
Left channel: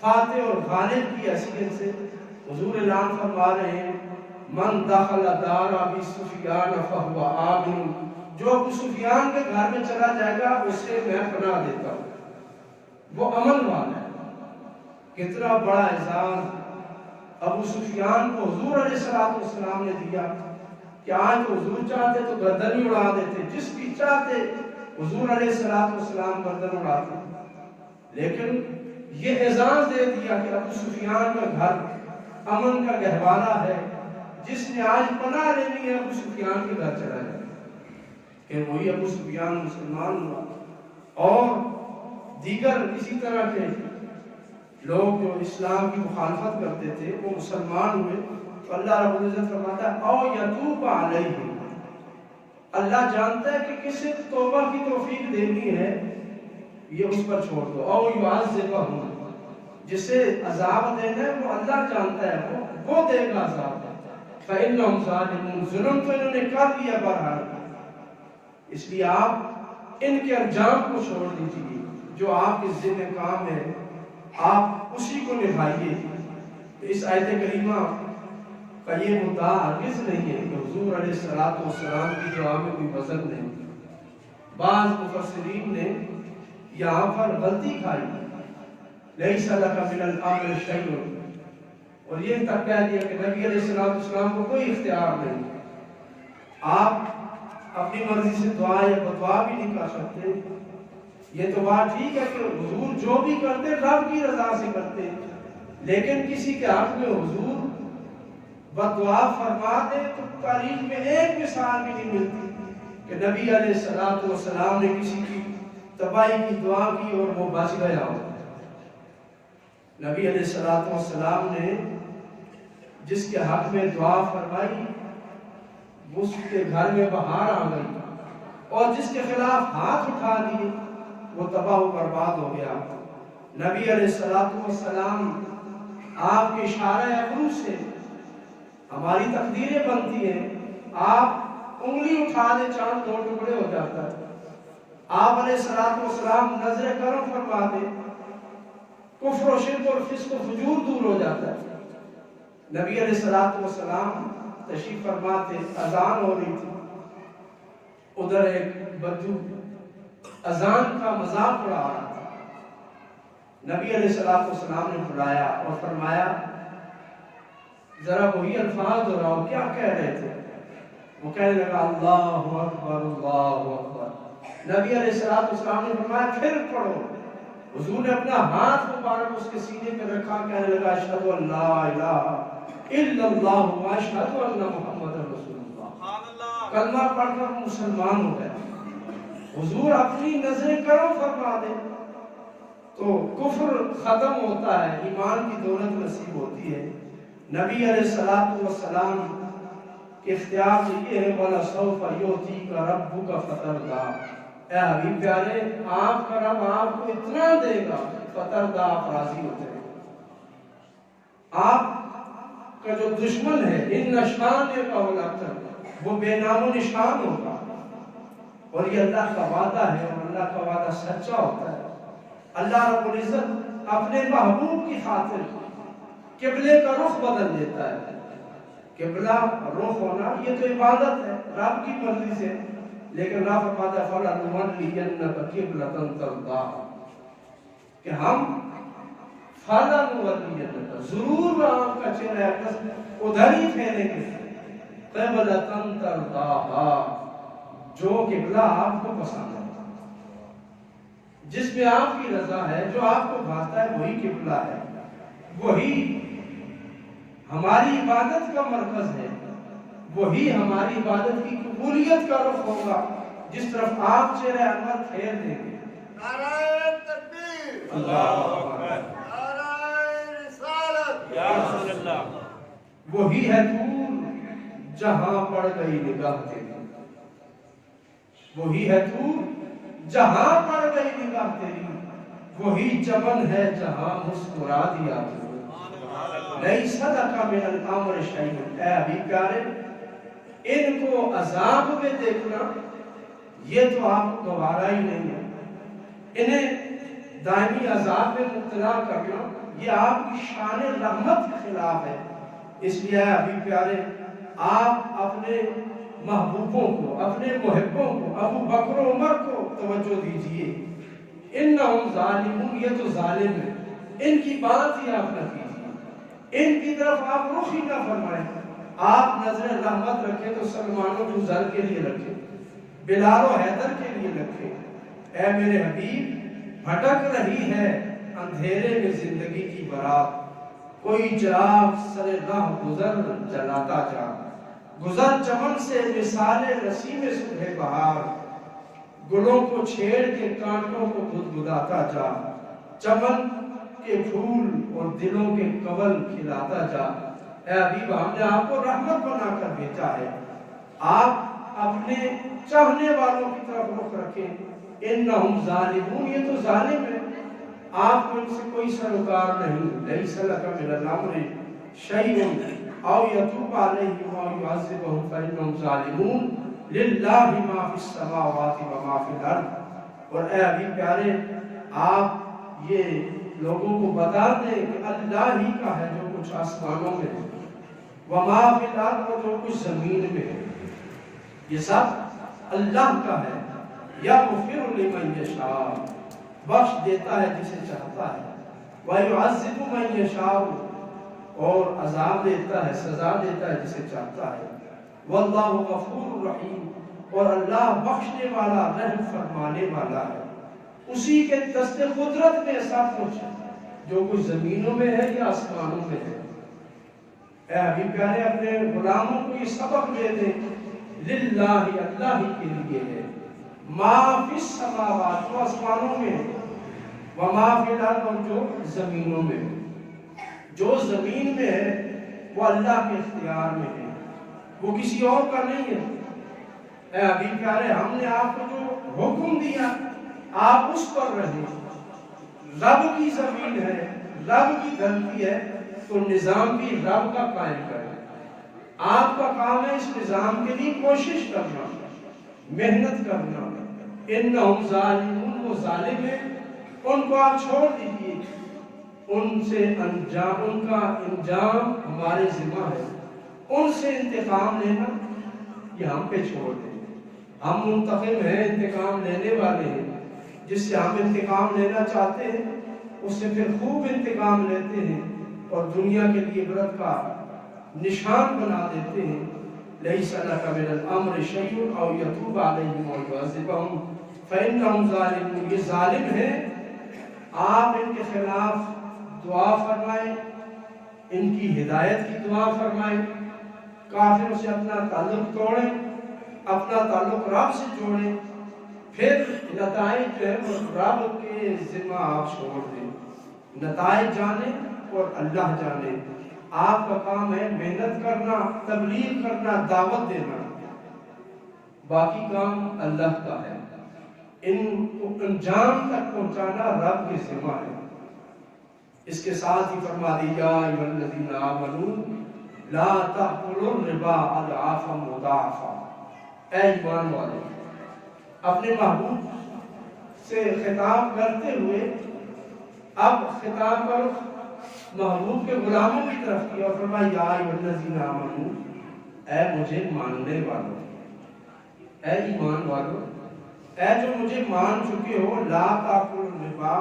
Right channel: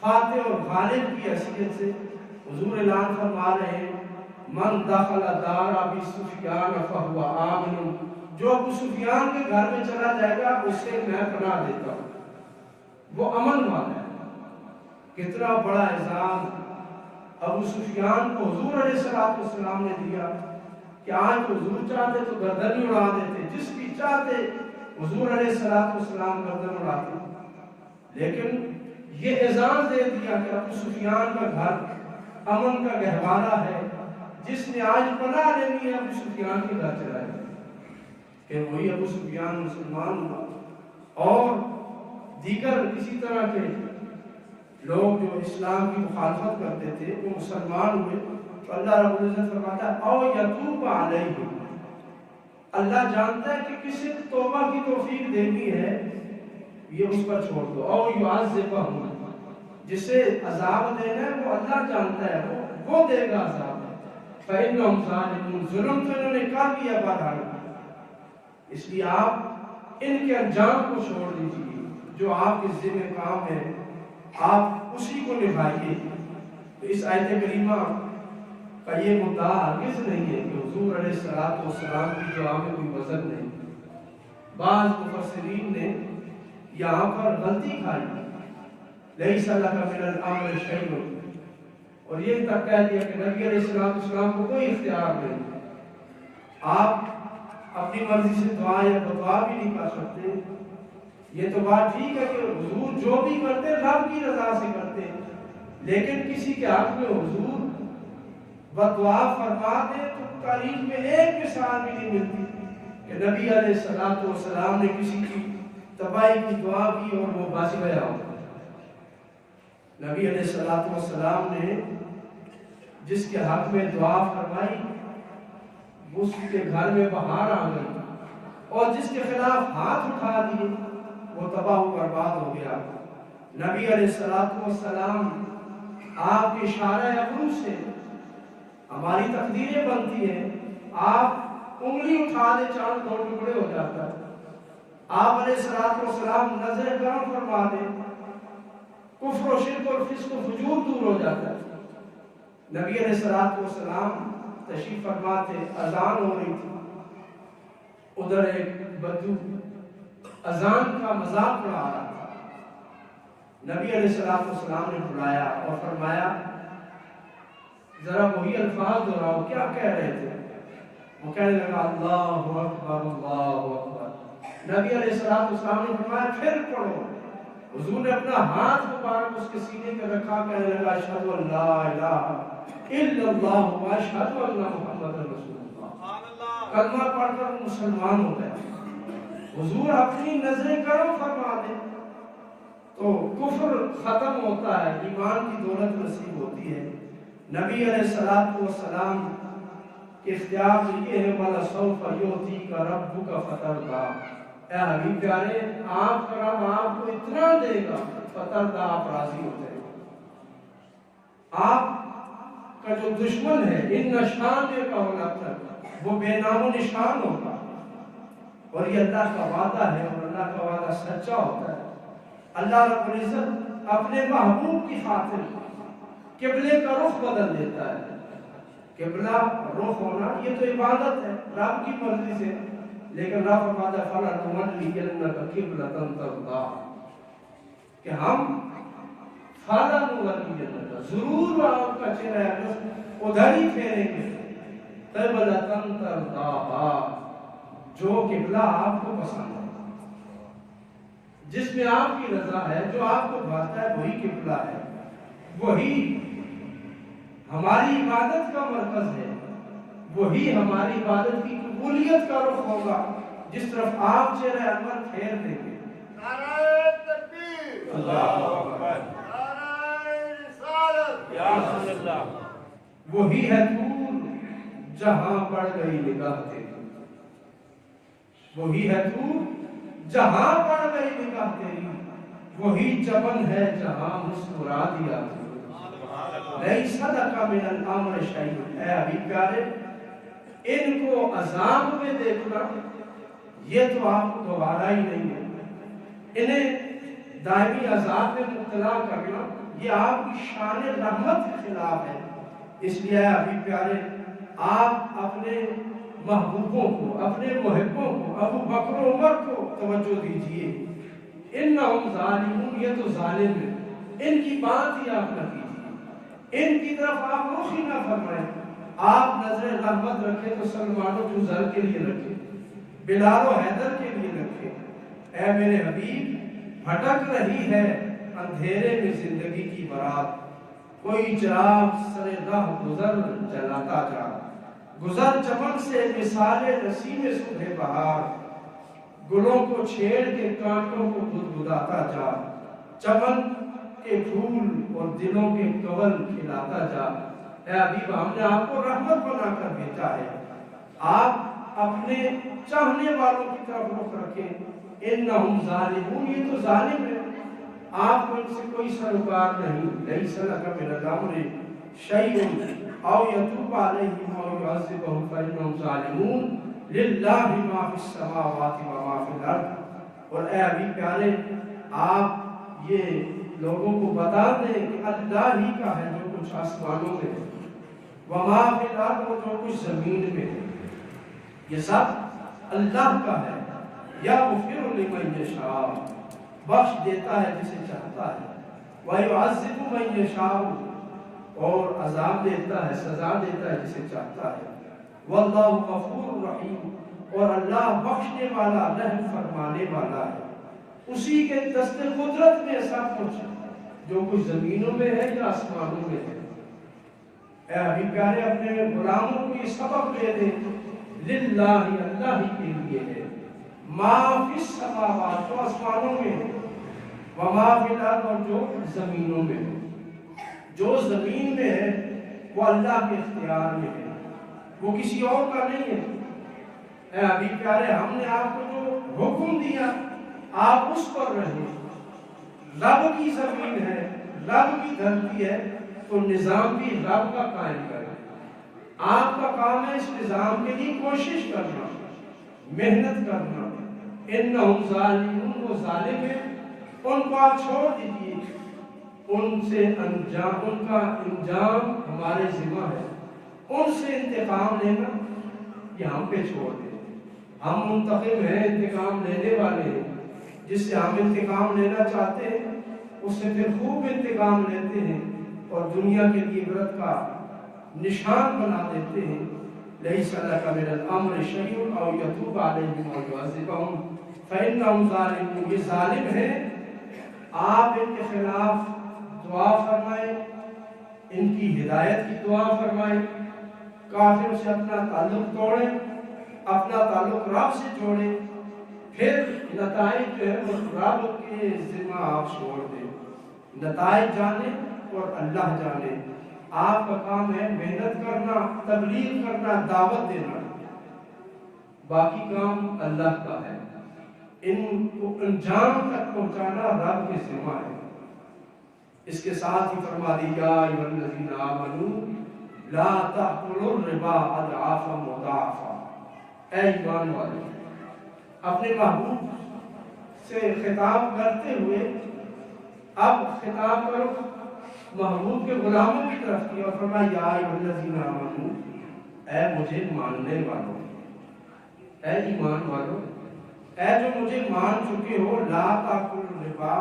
فاتح اور غالب کی حیثیت سے حضور اعلان فرما رہے ہیں، من دخل دار ابی سفیان فہو آمن، جو ابو سفیان کے گھر میں چلا جائے گا اسے میں پناہ دیتا ہوں، وہ امن والا ہے۔ کتنا بڑا اعزاز ابو سفیان کو حضور علیہ السلام نے دیا کہ آج تو حضور چاہتے تو گردن ہی اڑا دیتے، جس کی چاہتے حضور علیہ السلام گردن اڑاتے، لیکن یہ اعزاز دے دیا کہ ابو سفیان کا گھر امن کا گہوارہ ہے، جس نے آج پناہ لینی ہے ابو سفیان کے گھر چلا ہے، کہ وہی ابو سفیان مسلمان ہوا۔ اور دیگر اسی طرح کے لوگ جو اسلام کی مخالفت کرتے تھے وہ مسلمان ہوئے، تو اللہ رب العزت فرماتا ہے او یتوب علیہم، اللہ جانتا ہے کہ کسے توبہ کی توفیق دینی ہے، یہ اس پر چھوڑ دو، او یعذبہم، جسے عذاب دینا ہے وہ اللہ جانتا ہے، وہ دے گا عذاب۔ فَإِنَّهُمْ ظَالِمُونَ، ظلم تو انہوں نے کر دیا بہرحال، اس لیے آپ ان کے انجام کو چھوڑ دیجئے، جو آپ کے ذمہ کام ہے آپ اسی کو نبھائیے۔ تو اس آیت کریمہ کا یہ مدعا ہرگز نہیں ہے کہ حضور علیہ السلام کی دعا میں کوئی وزن نہیں۔ بعض مفسرین نے یہاں پر غلطی کھائی، لَيْسَ لَكَ مِنَ الْأَمْرِ شَيْءٌ، اور یہ تک کہہ دیا کہ نبی علیہ السلام کو کوئی اختیار نہیں، آپ اپنی مرضی سے دعا یا بدعا بھی نہیں کر سکتے۔ یہ تو بات ٹھیک ہے کہ حضور جو بھی کرتے رب کی رضا سے کرتے، لیکن کسی کے حق میں حضور بدعا فرما دے تو تاریخ میں ایک مثال بھی نہیں ملتی کہ نبی علیہ السلام نے کسی کی تباہی کی دعا کی اور وہ بچ گیا ہو۔ نبی علیہ السلام نے جس کے حق میں دعا فرمائی اس کے گھر میں بہار آ گئی، اور جس کے خلاف ہاتھ اٹھا دیے وہ تباہ و برباد ہو گیا۔ نبی علیہ السلام آپ کے اشارہ ابرو سے ہماری تقدیریں بنتی ہیں، آپ انگلی اٹھا دے چاند دو ٹکڑے ہو جاتا ہے، آپ علیہ السلام نظر کرم فرما دے، کفر و شرک اور فسق و فجور دور ہو جاتا ہے۔ نبی علیہ السلام تشریف فرما تھے، اذان ہو رہی تھی، ادھر ایک بدو اذان کا مذاق اڑا رہا تھا، نبی علیہ السلام نے بلایا اور فرمایا ذرا وہی الفاظ دہراؤ، کیا کہہ رہے تھے؟ وہ کہنے لگا اللہ اکبر اللہ اکبر۔ نبی علیہ السلام نے فرمایا پھر پڑھو۔ حضور نے اپنا ہاتھ مبارک اس کے سینے پہ رکھا، کہنے لگا اشہد ان لا الہ الا اللہ و اشہد ان محمد رسول اللہ، کلمہ پڑھ کر مسلمان ہو گیا۔ حضور اپنی نظر کرم فرما دے تو کفر ختم ہوتا ہے، ایمان کی دولت نصیب ہوتی ہے۔ نبی علیہ السلام کے اختیار یہ ہے وَلَسَوْفَ يُؤْتِيكَ رَبُّكَ فَتَرْضَىٰ، اے حبیب پیارے آپ کا رب آپ کو اتنا دے گا فترضیٰ، آپ راضی ہو جائیں گے۔ آپ کا جو دشمن ہے ان نشان کا وہ بے نام و نشان ہوگا، اور یہ اللہ کا وعدہ ہے، اور اللہ کا وعدہ سچا ہوتا ہے۔ اللہ رب العزت اپنے محبوب کی خاطر قبلے کا رخ بدل دیتا ہے۔ قبلہ رخ ہونا یہ تو عبادت ہے رب کی مرضی سے، لیکن رب فرماتا ہے فَلَنُوَلِّيَنَّكَ قِبْلَةً تَرْضَاهَا، کہ ہم فَلَنُوَلِّيَنَّكَ ضرور آپ کا چہرہ اقدس ادھر ہی پھیریں گے، قِبْلَةً تَرْضَاهَا، جو قبلہ آپ کو پسند ہے، جس میں آپ کی رضا ہے، جو آپ کو بھاتا ہے وہی قبلہ ہے، وہی ہماری عبادت کا مرکز ہے، وہی ہماری عبادت کی قبولیت کا رخ ہوگا جس طرف آپ چہرہ انور پھیر دیں گے۔ نعرہ تکبیر، اللہ اکبر، نعرہ رسالت، یا رسول اللہ، وہی ہے دور جہاں پڑ گئی نگاہ تیری، وہی ہے دور جہاں پڑ گئی نگاہ تیری، وہی چمن ہے جہاں مسکرا دیا تو، لیس لک من الامر شیء۔ اے ابھی پیارے، ان کو عذاب میں دیکھنا یہ تو آپ کو گوارا ہی نہیں ہے، انہیں دائمی عذاب میں مبتلا کرنا یہ آپ کی شان رحمت کے خلاف ہے۔ اس لیے اے ابھی پیارے، آپ اپنے محبوبوں کو، اپنے محبوں کو، ابو بکر و عمر کو توجہ دیجئے۔ انہم ظالمون، یہ تو ظالم ہے، ان کی بات ہی آپ نہ کیجئے، ان کی طرف آپ رخ ہی نہ فرمائیں۔ آپ نظر رحمت رکھیں تو سلمان و جوزر کے لیے رکھیں، بلال و حیدر کے لیے رکھیں۔ اے میرے حبیب، بھٹک رہی ہے اندھیرے میں زندگی کی برات، کوئی چراغ سر راہ گزر جلاتا جا، گزر چمن سے مثال نسیم صبح بہار، گلوں کو چھیڑ کے کانٹوں کو گدگداتا جا، چمن کے پھول اور دلوں کے کول کھلاتا جا۔ اے حبیب، ہم نے آپ کو رحمت بنا کر بھیجا ہے، آپ اپنے چاہنے والوں کی طرف رخ رکھیں۔ انہم ظالمون، یہ تو ظالم ہے، آپ کو ان سے کوئی سروکار نہیں۔ لیس لک من الامر شیء او یتوب علیہم او یعذبہم فانہم ظالمون، للہ ما فی السماوات و ما فی الارض۔ اور اے حبیب پیارے، آپ یہ لوگوں کو بتا دیں کہ اللہ ہی کا ہے جو کچھ آسمانوں میں ہے، وما فی الارض، اور جو کچھ زمین میں ہے، یہ سب اللہ کا ہے۔ یغفر لمن یشاء، بخش دیتا ہے جسے چاہتا ہے، ویعذب من یشاء، اور عذاب دیتا ہے، سزا دیتا ہے جسے چاہتا ہے۔ واللہ غفور رحیم، اور اللہ بخشنے والا، رحم فرمانے والا ہے۔ اسی کے دست قدرت میں سب کچھ ہے، جو کچھ زمینوں میں ہے یا آسمانوں میں ہے۔ اے حبیب پیارے، اپنے غلاموں کو یہ سبق دے دیں، للہ، اللہ ہی کے لیے ہے، ما فی السماوات، جو آسمانوں میں ہے، وما فی الارض، اور جو زمینوں میں ہے۔ جو زمین میں ہے وہ اللہ کے اختیار میں ہے، وہ کسی اور کا نہیں ہے۔ اے حبیب پیارے، ہم نے آپ کو جو حکم دیا آپ اس پر رہیں۔ رب کی زمین ہے، رب کی دھرتی ہے، تو نظام بھی رب کا قائم کرے۔ آپ کا کام ہے اس نظام کے لیے کوشش کرنا، محنت کرنا۔ انہم ظالمون، وہ ظالم ہیں، ان کو آپ چھوڑ دیجئے، ان سے انجام، ان کا انجام ہمارے ذمہ ہے، ان سے انتقام لینا یہ ہم پہ چھوڑ دیں۔ ہم منتقم ہیں، انتقام لینے والے ہیں، جس سے ہم انتقام لینا چاہتے ہیں اس سے پھر خوب انتقام لیتے ہیں اور دنیا کے لیے عبرت کا نشان بنا دیتے ہیں۔ لیس لک من الامر شیء او یتوب علیہم او یعذبہم فانہم ظالمون، یہ ظالم ہیں، آپ ان کے خلاف دعا فرمائیں، ان کی ہدایت کی دعا فرمائیں، کافروں سے اپنا تعلق توڑیں، اپنا تعلق رب سے جوڑیں، پھر نتائج جو ہے وہ رب کے ذمہ آپ چھوڑ دیں۔ نتائج جانیں اور اللہ جانے۔ آپ کا کام ہے محنت کرنا، تبلیغ کرنا، دعوت دینا، باقی کام اللہ کا ہے، ان کو انجام تک پہنچانا رب کے ذمہ ہے۔ اس کے ساتھ ہی فرما دی، یا ایھا الذین آمنوا لا تأکلوا الربا اضعافا مضاعفا، اے ایمان والو، اپنے محبوب سے خطاب کرتے ہوئے اب خطاب کرو محبوب کے غلاموں کی طرف کی اور فرمایا یا ایھا الذین آمنو، اے مجھے ماننے والوں، اے ایمان والوں، اے جو مجھے مان چکے ہو، لا تاکلوا الربا،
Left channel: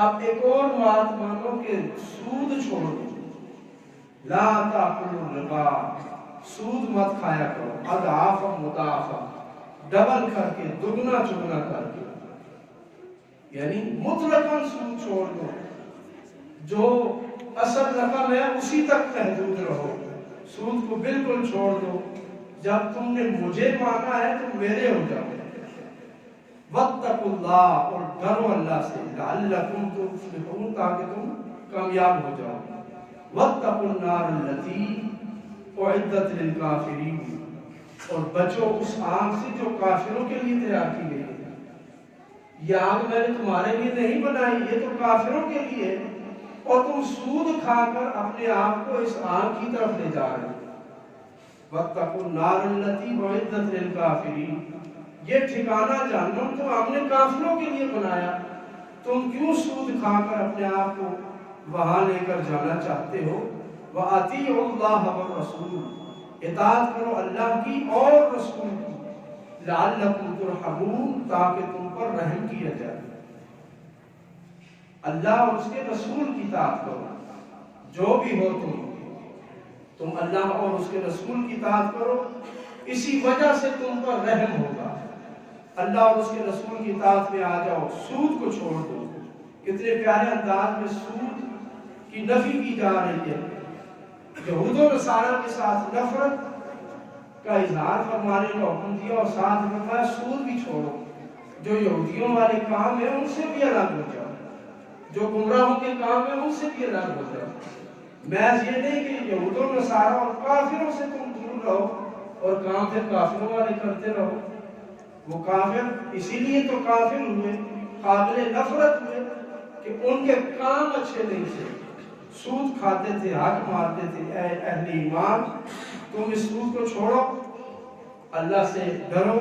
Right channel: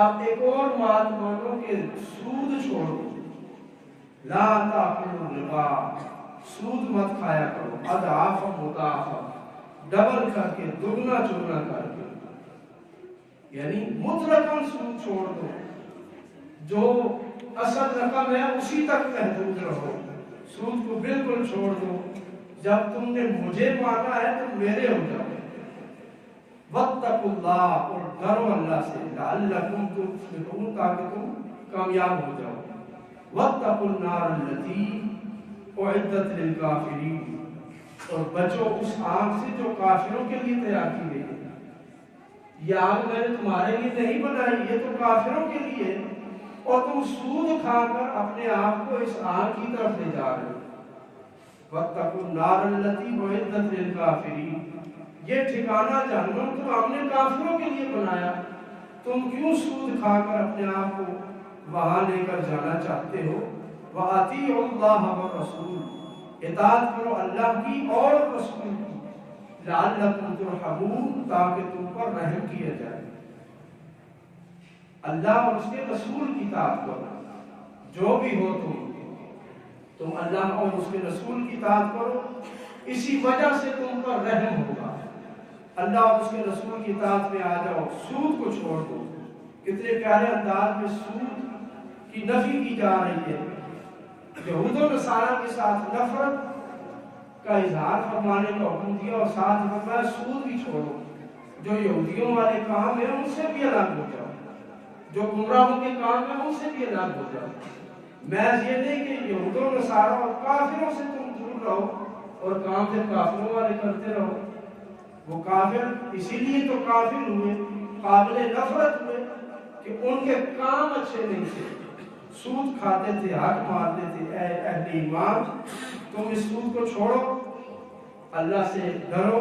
اب ایک اور بات مانو کہ سود چھوڑ دو، لا تاکلوا الربا، سود مت کھایا کرو، اضعافا مضاعفا، ڈبل کر کے، دگنا چگنا کر کے، یعنی مطلقاً سود چھوڑ دو، جو اصل رقم ہے اسی تک محدود رہو، سود کو بالکل چھوڑ دو، جب تم نے مجھے مانگا ہے تو میرے ہو جاؤ، واتقوا اللہ، اور ڈرو اللہ سے، لعلکم تفلحون، تاکہ تم کامیاب ہو جاؤ، واتقوا النار التی اعدت للکافرین، اور بچو اس آگ سے جو کافروں کے لیے تیار کی گئی ہے، یہ آگ میں نے تمہارے لیے نہیں بنائی، یہ تو کافروں کے لیے ہے، اور تم سود کھا کر اپنے آپ کو اس آگ کی طرف لے جا رہے ہو، واتقوا النار التی اعدت للکافرین، یہ ٹھکانہ جہنم تو ہم نے کافروں کے لیے بنایا، تم کیوں سود کھا کر اپنے آپ کو وہاں لے کر جانا چاہتے ہو، وَأَطِیعُوا اللَّهَ وَالرَّسُولَ، اطاعت کرو اللہ کی اور رسول کی، لعلکم ترحمون، تاکہ تم پر رحم کیا جائے، اللہ اور اس کے رسول کی اطاعت کرو، جو بھی ہو تم اللہ اور اس کے رسول کی اطاعت کرو، اسی وجہ سے تم پر رحم ہوگا، اللہ اور اس کے رسول کی اطاعت میں آ جاؤ، سود کو چھوڑ دو، کتنے پیارے انداز میں سود کی نفی کی جا رہی ہے، یہود و نصارہ کے ساتھ نفرت کا اظہار فرمانے کا حکم دیا، اور ساتھ فرمایا سود بھی چھوڑو، جو یہودیوں والے کام ہیں ان سے بھی الگ ہو جاؤ، جو گمراہوں کے کام ہیں ان سے بھی الگ ہو جاؤ، محض یہ نہیں کہ یہود و نصارہ اور کافروں سے تم دور رہو اور کام پھر کافروں والے کرتے رہو، وہ کافر اسی لیے تو کافر ہوئے، قابل نفرت ہوئے کہ ان کے کام اچھے نہیں تھے، سود کھاتے تھے، حق مارتے تھے، اے اہل ایمان تم اس سود کو چھوڑو، اللہ سے ڈرو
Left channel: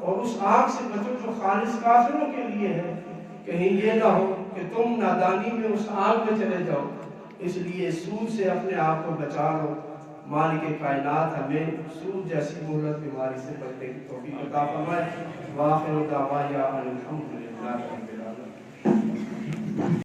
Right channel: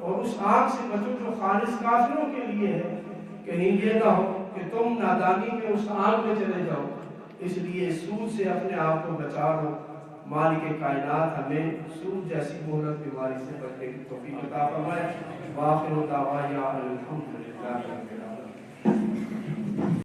اور اس آگ سے بچو جو خالص کافروں کے لیے ہے، کہیں یہ نہ ہو کہ تم نادانی میں اس آگ میں چلے جاؤ، اس لیے سود سے اپنے آپ کو بچا لو، مالک کائنات ہمیں سود جیسی مہلک بیماری سے بچنے کی توفیق عطا فرمائے، وآخر دعوانا ان الحمد للہ۔